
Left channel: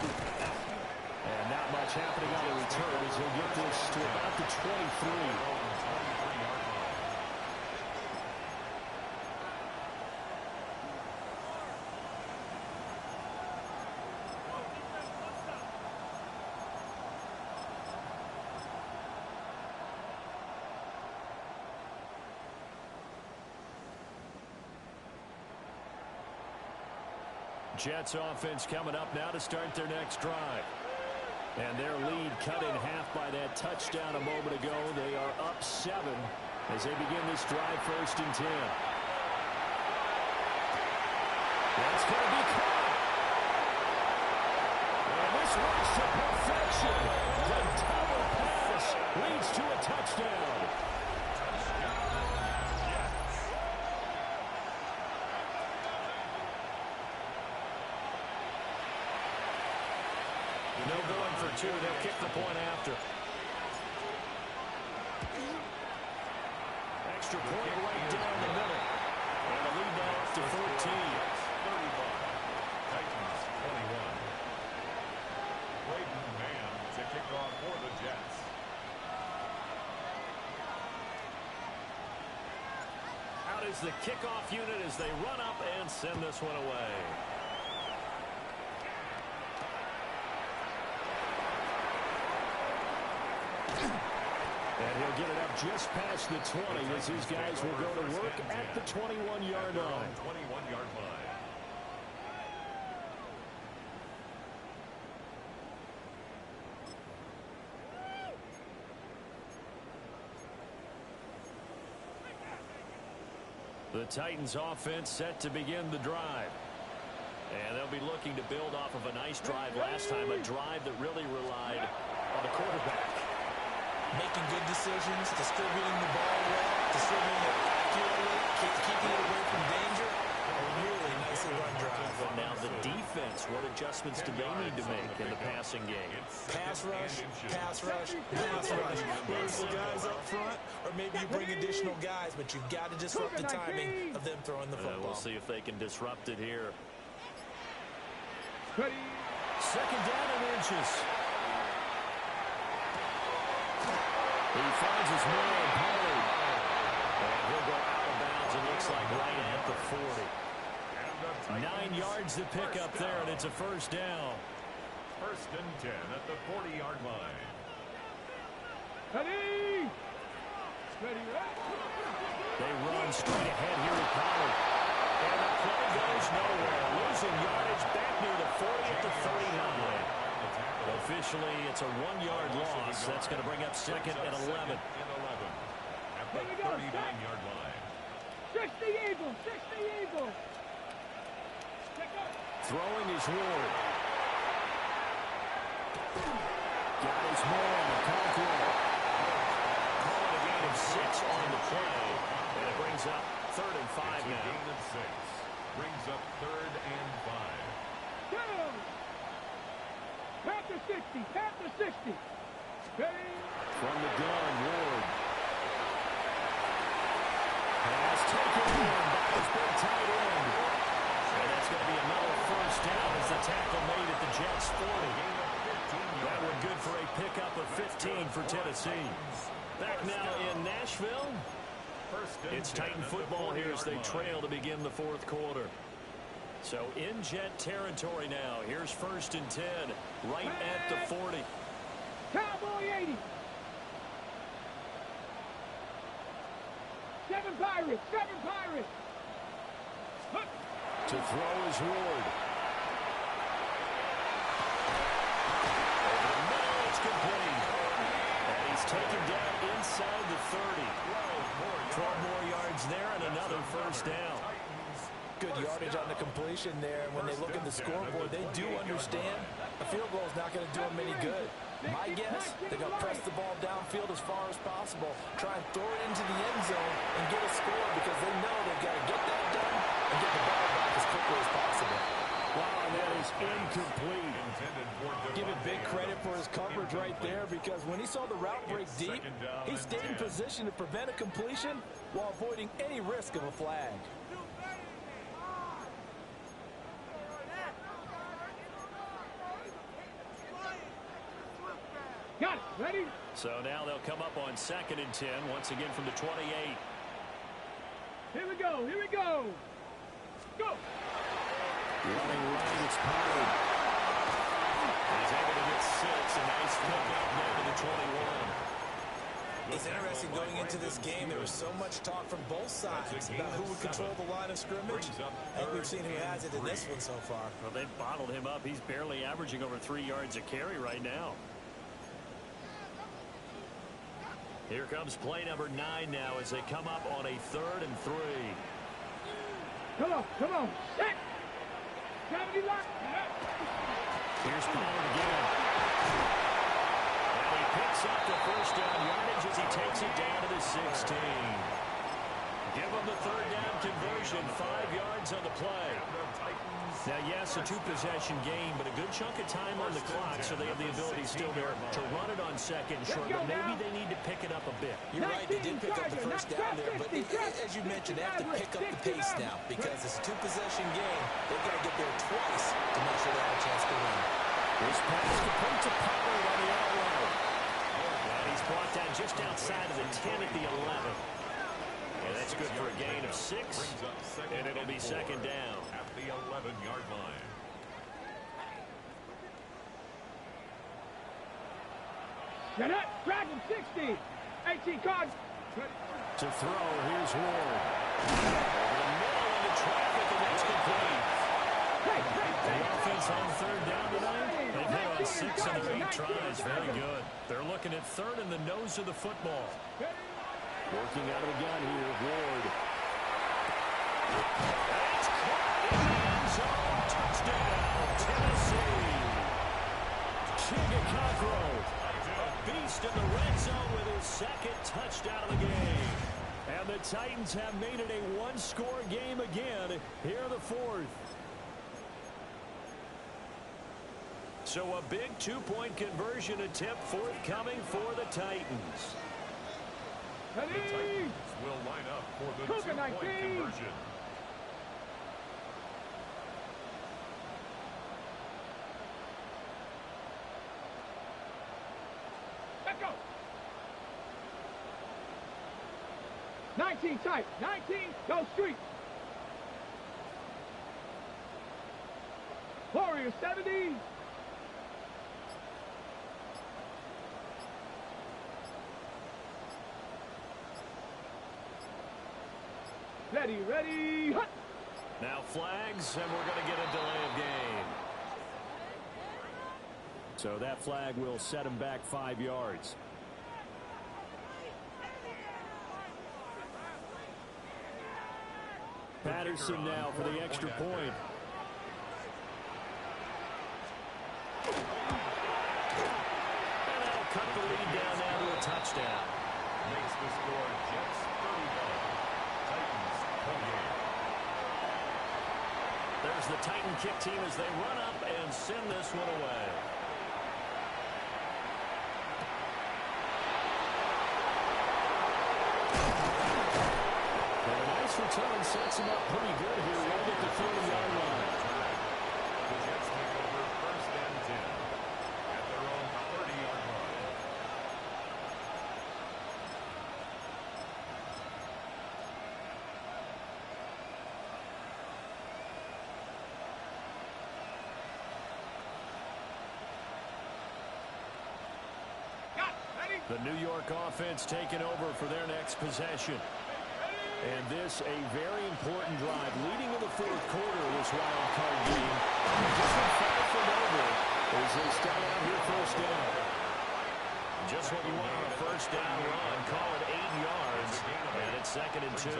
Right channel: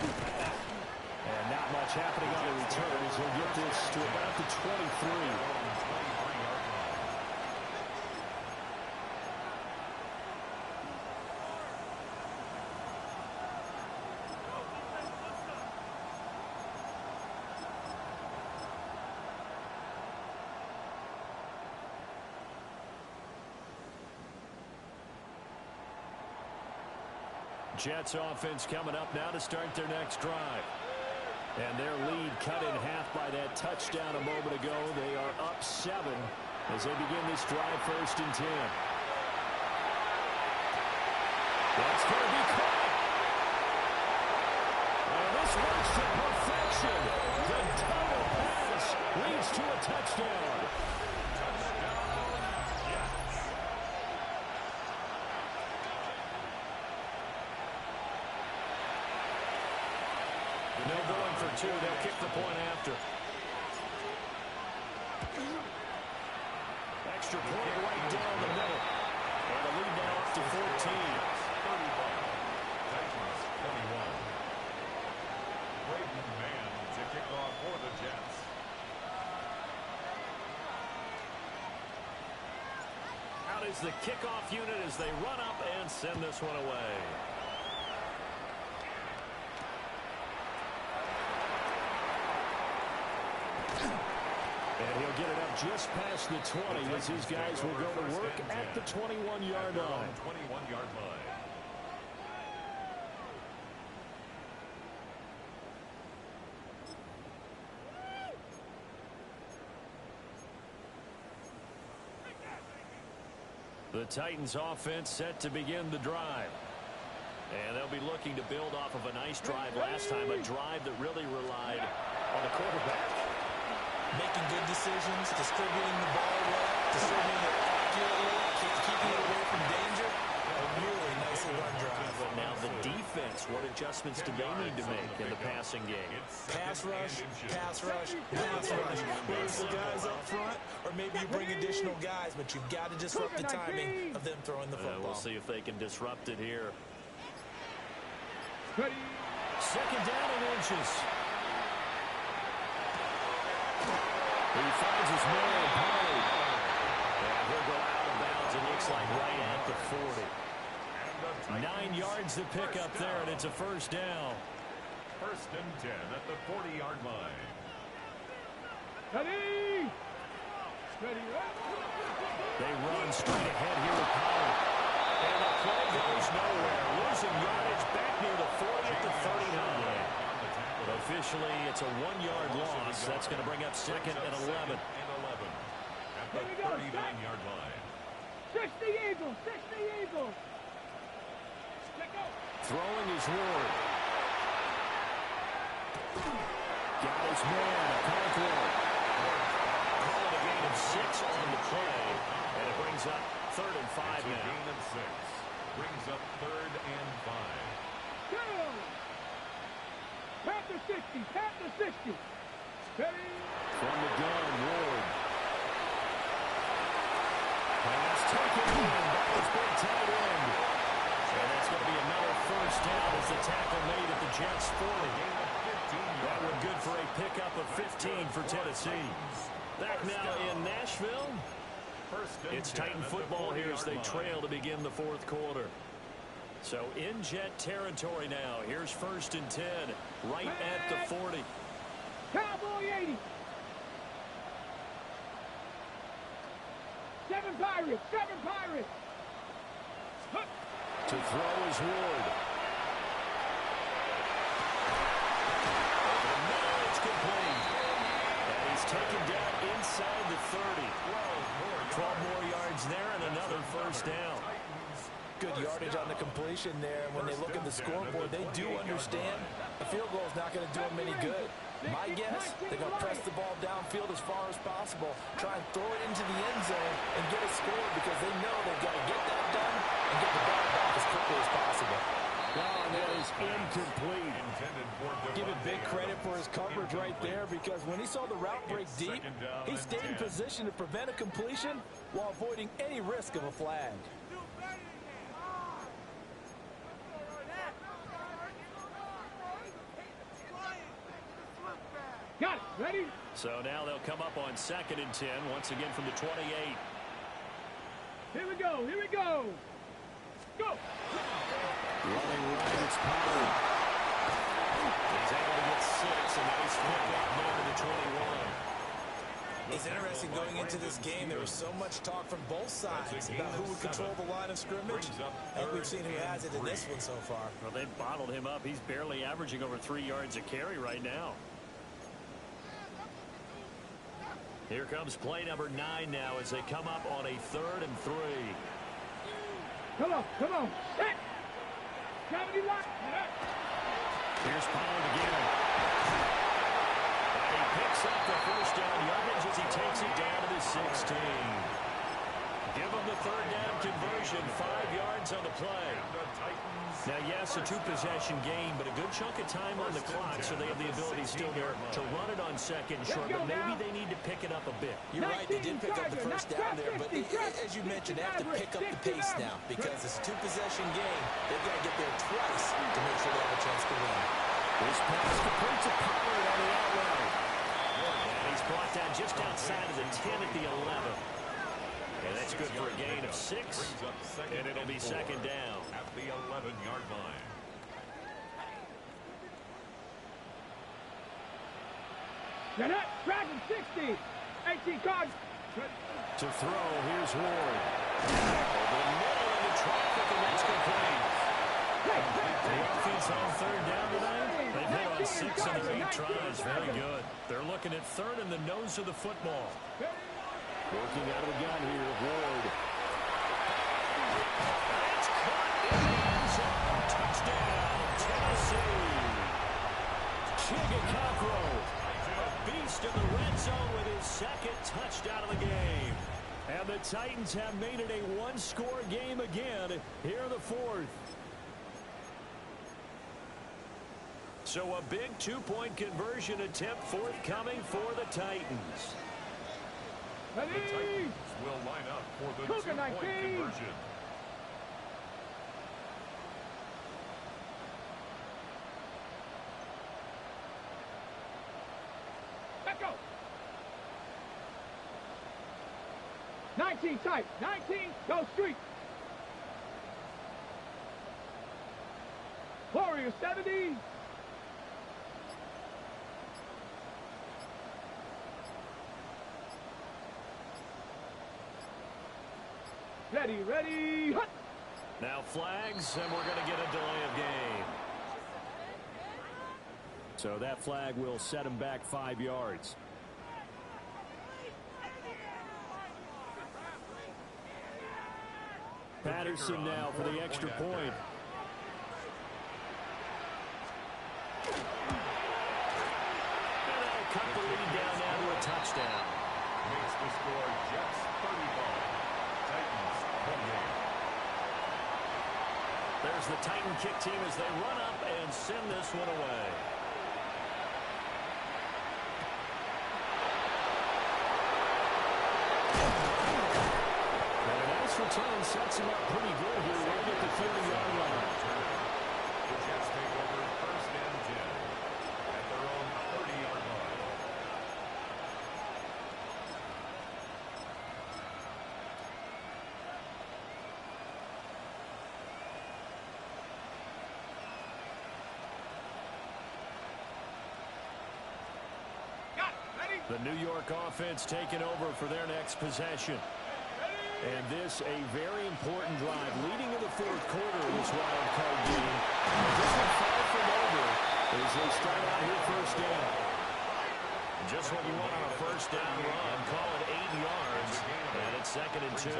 And not much happening on the return as he'll get this to about the 23. Jets offense coming up now to start their next drive. And their lead cut in half by that touchdown a moment ago. They are up 7 as they begin this drive 1st and 10. That's going to be caught. And this works to perfection. The double pass leads to a touchdown. No going for 2. They'll kick the point after. Extra point right down the middle. And the lead now up to 14. 35. Titans 21. Braden Mann to kick off for the Jets. Out is the kickoff unit as they run up and send this one away. And he'll get it up just past the 20 as his guys will go to work at the 21-yard line. 21-yard line. The Titans offense set to begin the drive. And they'll be looking to build off of a nice drive last time, a drive that really relied on the quarterback. Making good decisions, distributing the ball well, distributing it accurately, keeping it away from danger. A really nicely run drive. But now the defense, what adjustments do they need to make in the passing game? Pass rush, pass rush, pass rush. Whether it's the guys up front or maybe you bring additional guys, but you've got to disrupt the timing of them throwing the football. We'll see if they can disrupt it here. Ready. 2nd down and inches. He finds his man, Pollard. And he'll go out of bounds, it looks like right at the 40. 9 yards to pick up there, and it's a 1st down. 1st and 10 at the 40-yard line. Ready. Ready. They run straight ahead here with Pollard. And the play goes nowhere. Losing yardage back near the 40 at the 39. Officially, it's a 1-yard loss. That's going to bring up 2nd and 11. At the 39-yard line. 60 Eagles. 60 Eagles. Check out. Throwing is Ward. Got his man, Conqueror. Call it a gain of 6 on the play. And it brings up 3rd and 5 now. Gain of 6. Brings up 3rd and 5. Go. Panther 60. Panther 60. Ready. From the gun, Ward. Pass taken in by his big tight end. And that's going to be another 1st down as the tackle made at the Jets 40. That one good for a pickup of 15 for Tennessee. Back now in Nashville. It's Titan football here as they trail to begin the fourth quarter. So in Jet territory now. Here's 1st and 10, right at the 40. Cowboy 80. 7 Pirates. 7 Pirates. To throw is Ward. Over the middle, it's complete. And he's taken down inside the 30. 12 more yards there and another first down. Good yardage on the completion there. And when they look at the scoreboard, they do understand a field goal is not going to do them any good. My guess, they're going to press the ball downfield as far as possible, try and throw it into the end zone and get a score because they know they've got to get that done and get the ball back as quickly as possible. Wow, and that is incomplete. Give it big credit for his coverage right there because when he saw the route break deep, he stayed in position to prevent a completion while avoiding any risk of a flag. Got it. Ready? So now they'll come up on 2nd and 10, once again from the 28. Here we go. Here we go. Go. Running right, it's Pollard. He's able to get 6, and nice pick up down to the 21. It's interesting going into this game. There was so much talk from both sides about who would control the line of scrimmage. I think we've seen who has it in this one so far. Well, they've bottled him up. He's barely averaging over 3 yards a carry right now. Here comes play number 9 now as they come up on a 3rd and 3. Come on. Come on. Set. Gravity lock. Here's Pollard again. And he picks up the first down yardage as he takes it down to the 16. Give him the 3rd down conversion. 5 yards on the play. Now, yes, a 2-possession game, but a good chunk of time on the clock, so they have the ability still there to run it on 2nd and short, but maybe they need to pick it up a bit. You're right, they did pick up the first down there, but as you mentioned, they have to pick up the pace now because it's a 2-possession game. They've got to get there twice to make sure they have a chance to win. This pass complete to Pollard on the out route. And he's brought down just outside of the 10 at the 11. And that's good for a gain of 6, and it'll be 2nd down. At the 11-yard line. Get up. Dragon 60. 18 cards. To throw, here's Ward. Over the middle into traffic, and that's complete. The offense on 3rd down tonight. They've hit on 6 of their 8 tries. Very good. They're looking at 3rd in the nose of the football. Working out of the gun here, Ward. And it's caught in the end zone. Touchdown, Tennessee. Chigakakro, a beast in the red zone with his 2nd touchdown of the game. And the Titans have made it a 1-score game again here in the 4th. So a big 2-point conversion attempt forthcoming for the Titans. The Titans will line up for the 2-point conversion. Let's go. 19 tight. 19. Go street. Warrior 70. Ready, ready, hut! Now flags, and we're going to get a delay of game. So that flag will set him back 5 yards. Patterson now for the extra point. And that'll cut the lead down now to a touchdown. Makes the score Jets 35. Titans 28. There's the Titan kick team as they run up and send this one away. And a nice return sets him up pretty good here right at the 30-yard line. The Jets take over 1st and 10 at their own 30-yard line. The New York offense taking over for their next possession. And this a very important drive leading in the fourth quarter of this wild card game. And this one far from over as they start out here first down. Just what you want on a first down run. Call it 8 yards. And it's 2nd and 2.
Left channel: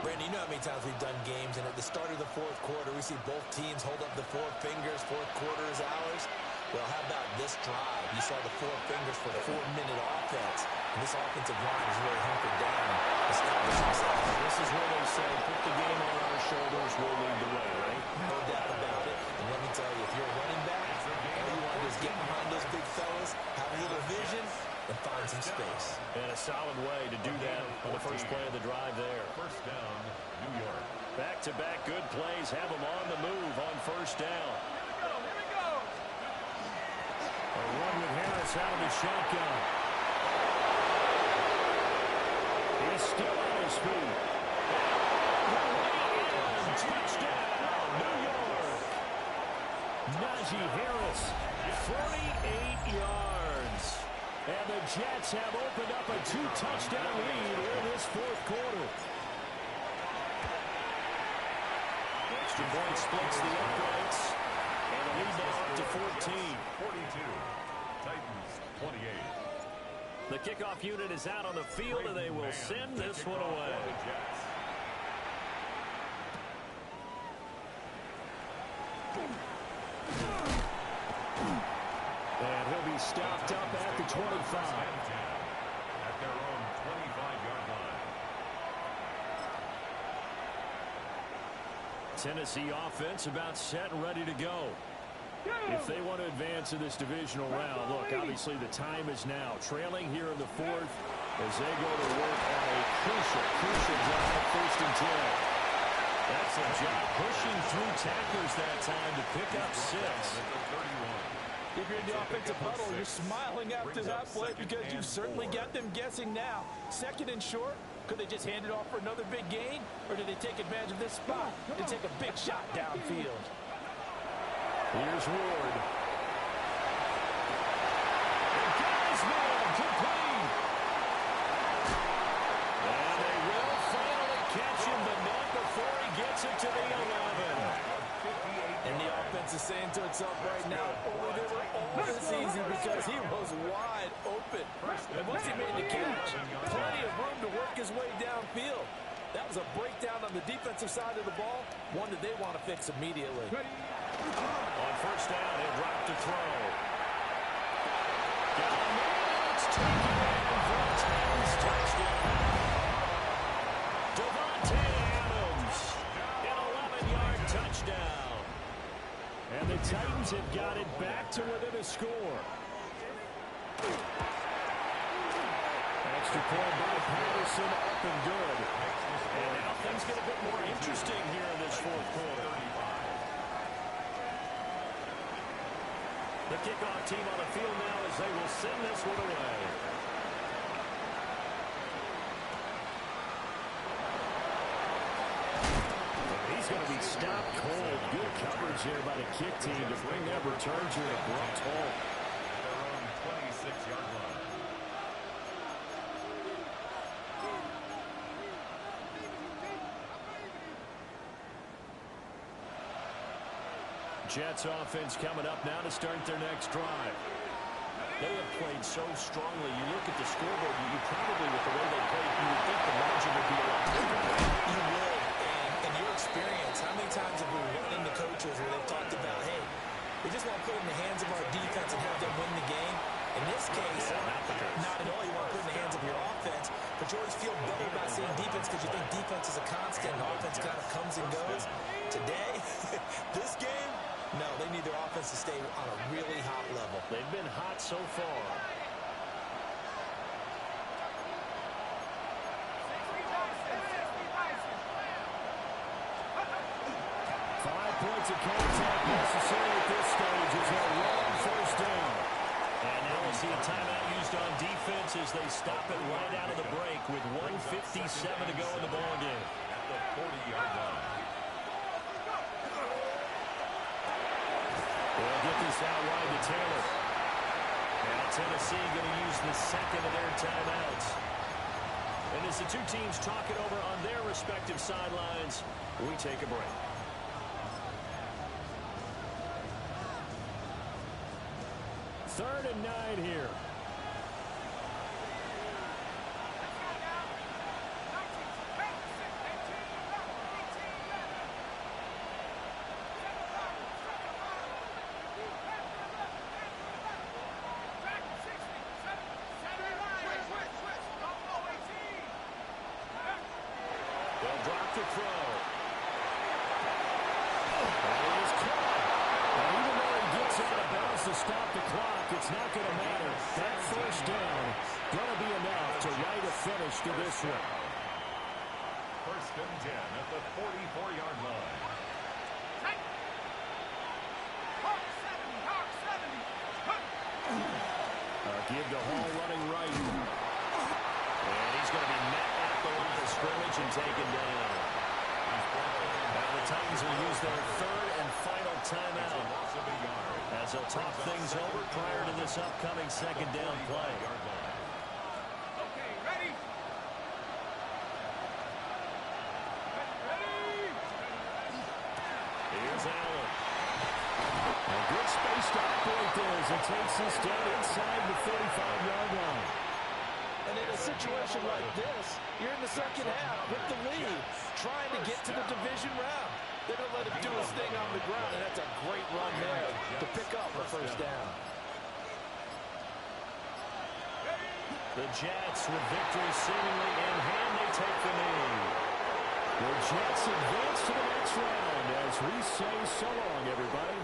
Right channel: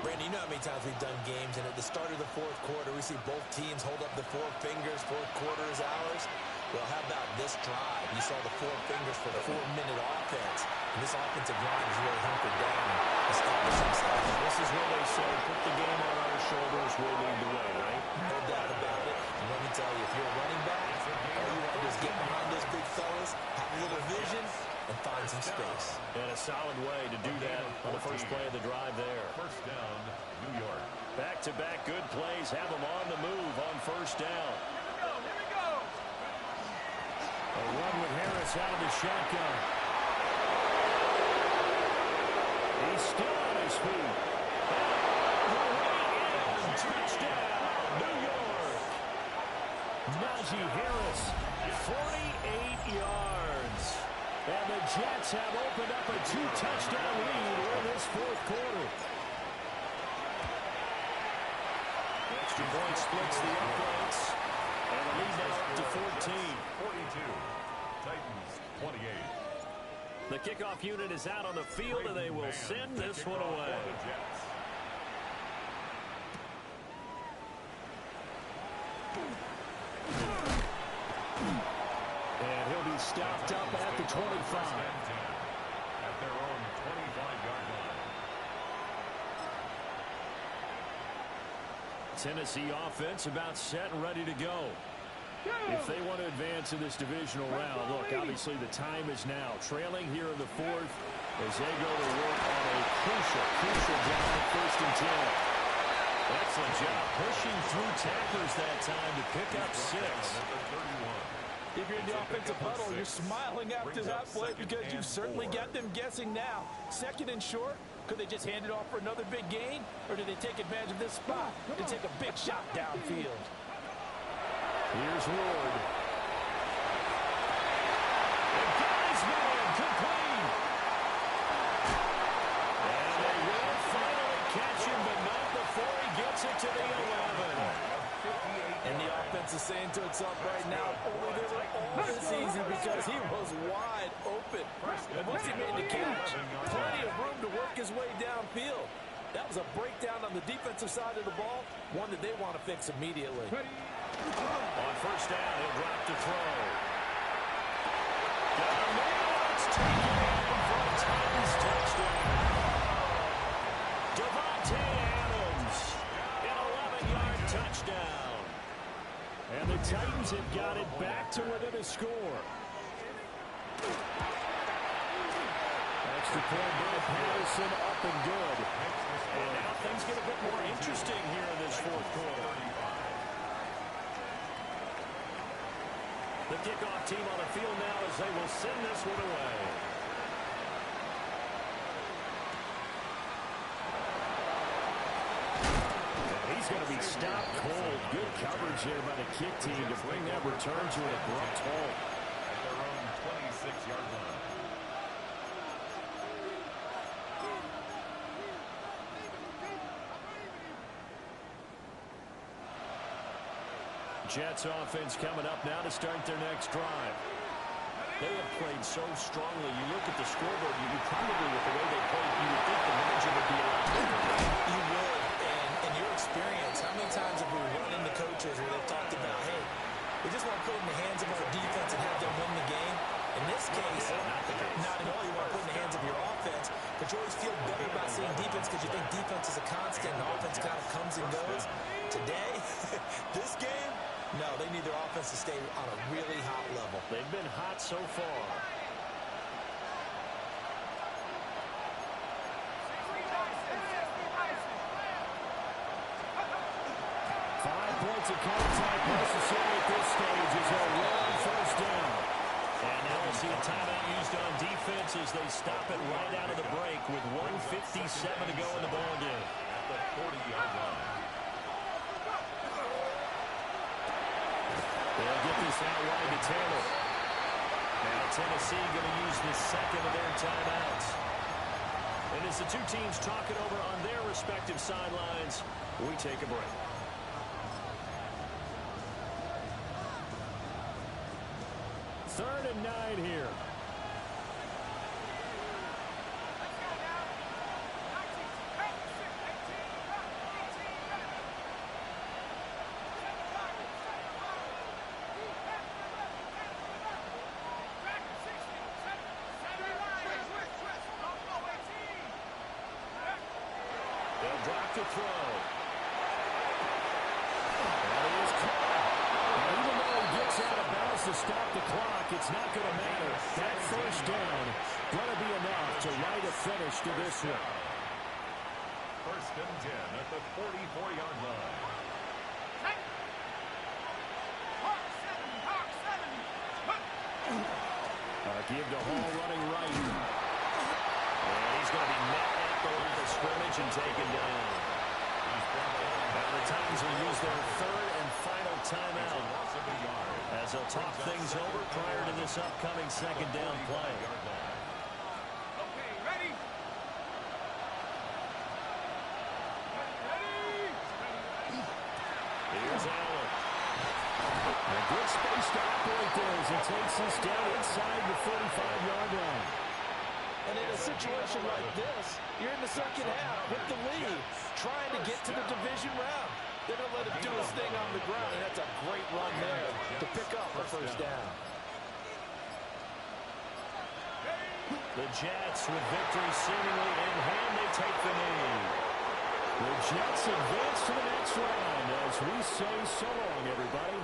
Brandon, you know how many times we've done games, and at the start of the fourth quarter, we see both teams hold up the 4 fingers. Fourth quarter is ours. Well, how about this drive? You saw the 4 fingers for the 4-minute offense. And this offensive line is really hunkered down and established themselves. This is where they say, put the game on our shoulders, we'll lead the way, right? No doubt about it. And let me tell you, if you're a running back, all you want to do is get behind those big fellas, have a little vision, and find some space. And a solid way to do that on the first play of the drive there. First down, New York. Back-to-back good plays have them on the move on first down. Here we go. A run with Harris out of the shotgun. He's still on his feet. And all the way in. Touchdown, New York. Najee Harris, 48 yards. And the Jets have opened up a 2-touchdown lead in this fourth quarter. The extra point splits the uprights. And the lead now up to 14. 42. Titans 28. The kickoff unit is out on the field, and they will send this one away. And he'll be stopped up at the 25. At their own 25-yard line. Tennessee offense about set and ready to go. If they want to advance in this divisional round, look, obviously the time is now. Trailing here in the fourth as they go to work on a crucial drive, 1st and 10. Excellent job pushing through tacklers that time to pick up 6. If you're in the offensive huddle, you're smiling after that play because you've certainly got them guessing now. 2nd and short, could they just hand it off for another big gain? Or do they take advantage of this spot and take a big shot downfield? Here's Ward. And got his man complete. And they will finally catch him, but not before he gets it to the 11. And the offense is saying to itself right now, only they were all this easy because he was wide open. And once he made the catch, plenty of room to work his way downfield. That was a breakdown on the defensive side of the ball, one that they want to fix immediately. On first down, he'll drop to throw. Got a man, it's taken in for a Titans touchdown. Devontae Adams, an 11-yard touchdown. And the Titans have got it back to within a score. Extra point by Patterson, up and good. And now things get a bit more interesting here in this fourth quarter. The kickoff team on the field now as they will send this one away. And he's going to be stopped cold. Good coverage there by the kick team to bring that return to an abrupt halt. At their own 26-yard line. Jets offense coming up now to start their next drive. They have played so strongly. You look at the scoreboard, you probably, with the way they played, you would think the margin would be a lot bigger. You would. And in your experience, how many times have we run into coaches where they've talked about, hey, we just want to put it in the hands of our defense and have them win the game? In this case, not at all. You want to put it in the hands of your offense, but you always feel better about seeing defense because you think defense is a constant and offense kind of comes and goes. Today, this game, no, they need their offense to stay on a really hot level. They've been hot so far. Five points of contact necessary at this stage as they'll run first down. And now we'll see a timeout used on defense as they stop it right out of the break with 1:57 to go in the ballgame. At the 40-yard line. They'll get this out wide to Taylor. Now Tennessee going to use the second of their timeouts. And as the two teams talk it over on their respective sidelines, we take a break. Third and 9 here. They'll drop the throw. That is caught. And even though he gets out of bounds to stop the clock, it's not going to matter. That first down going to be enough to write a finish to this one. First and 10 at the 44-yard line. Give to Hall running right. And he's going to be met at the line of scrimmage and taken down. Now the Titans will use their third and final timeout as they'll talk things over prior to this upcoming second down play. Okay, ready? Here's Allen. And good space to operate there as he takes this down inside the 35-yard line. And in a situation like this, you're in the second half with the lead, trying to get to the division round. They're going to let him do his thing on the ground, and that's a great run there to pick up a first down. The Jets, with victory seemingly in hand, they take the knee. The Jets advance to the next round as we say so long, everybody.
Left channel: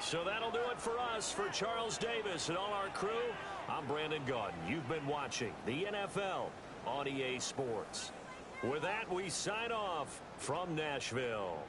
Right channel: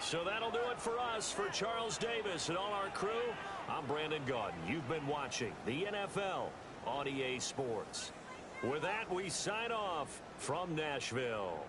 So that'll do it for us. For Charles Davis and all our crew, I'm Brandon Gaudin. You've been watching the NFL on EA Sports. With that, we sign off from Nashville.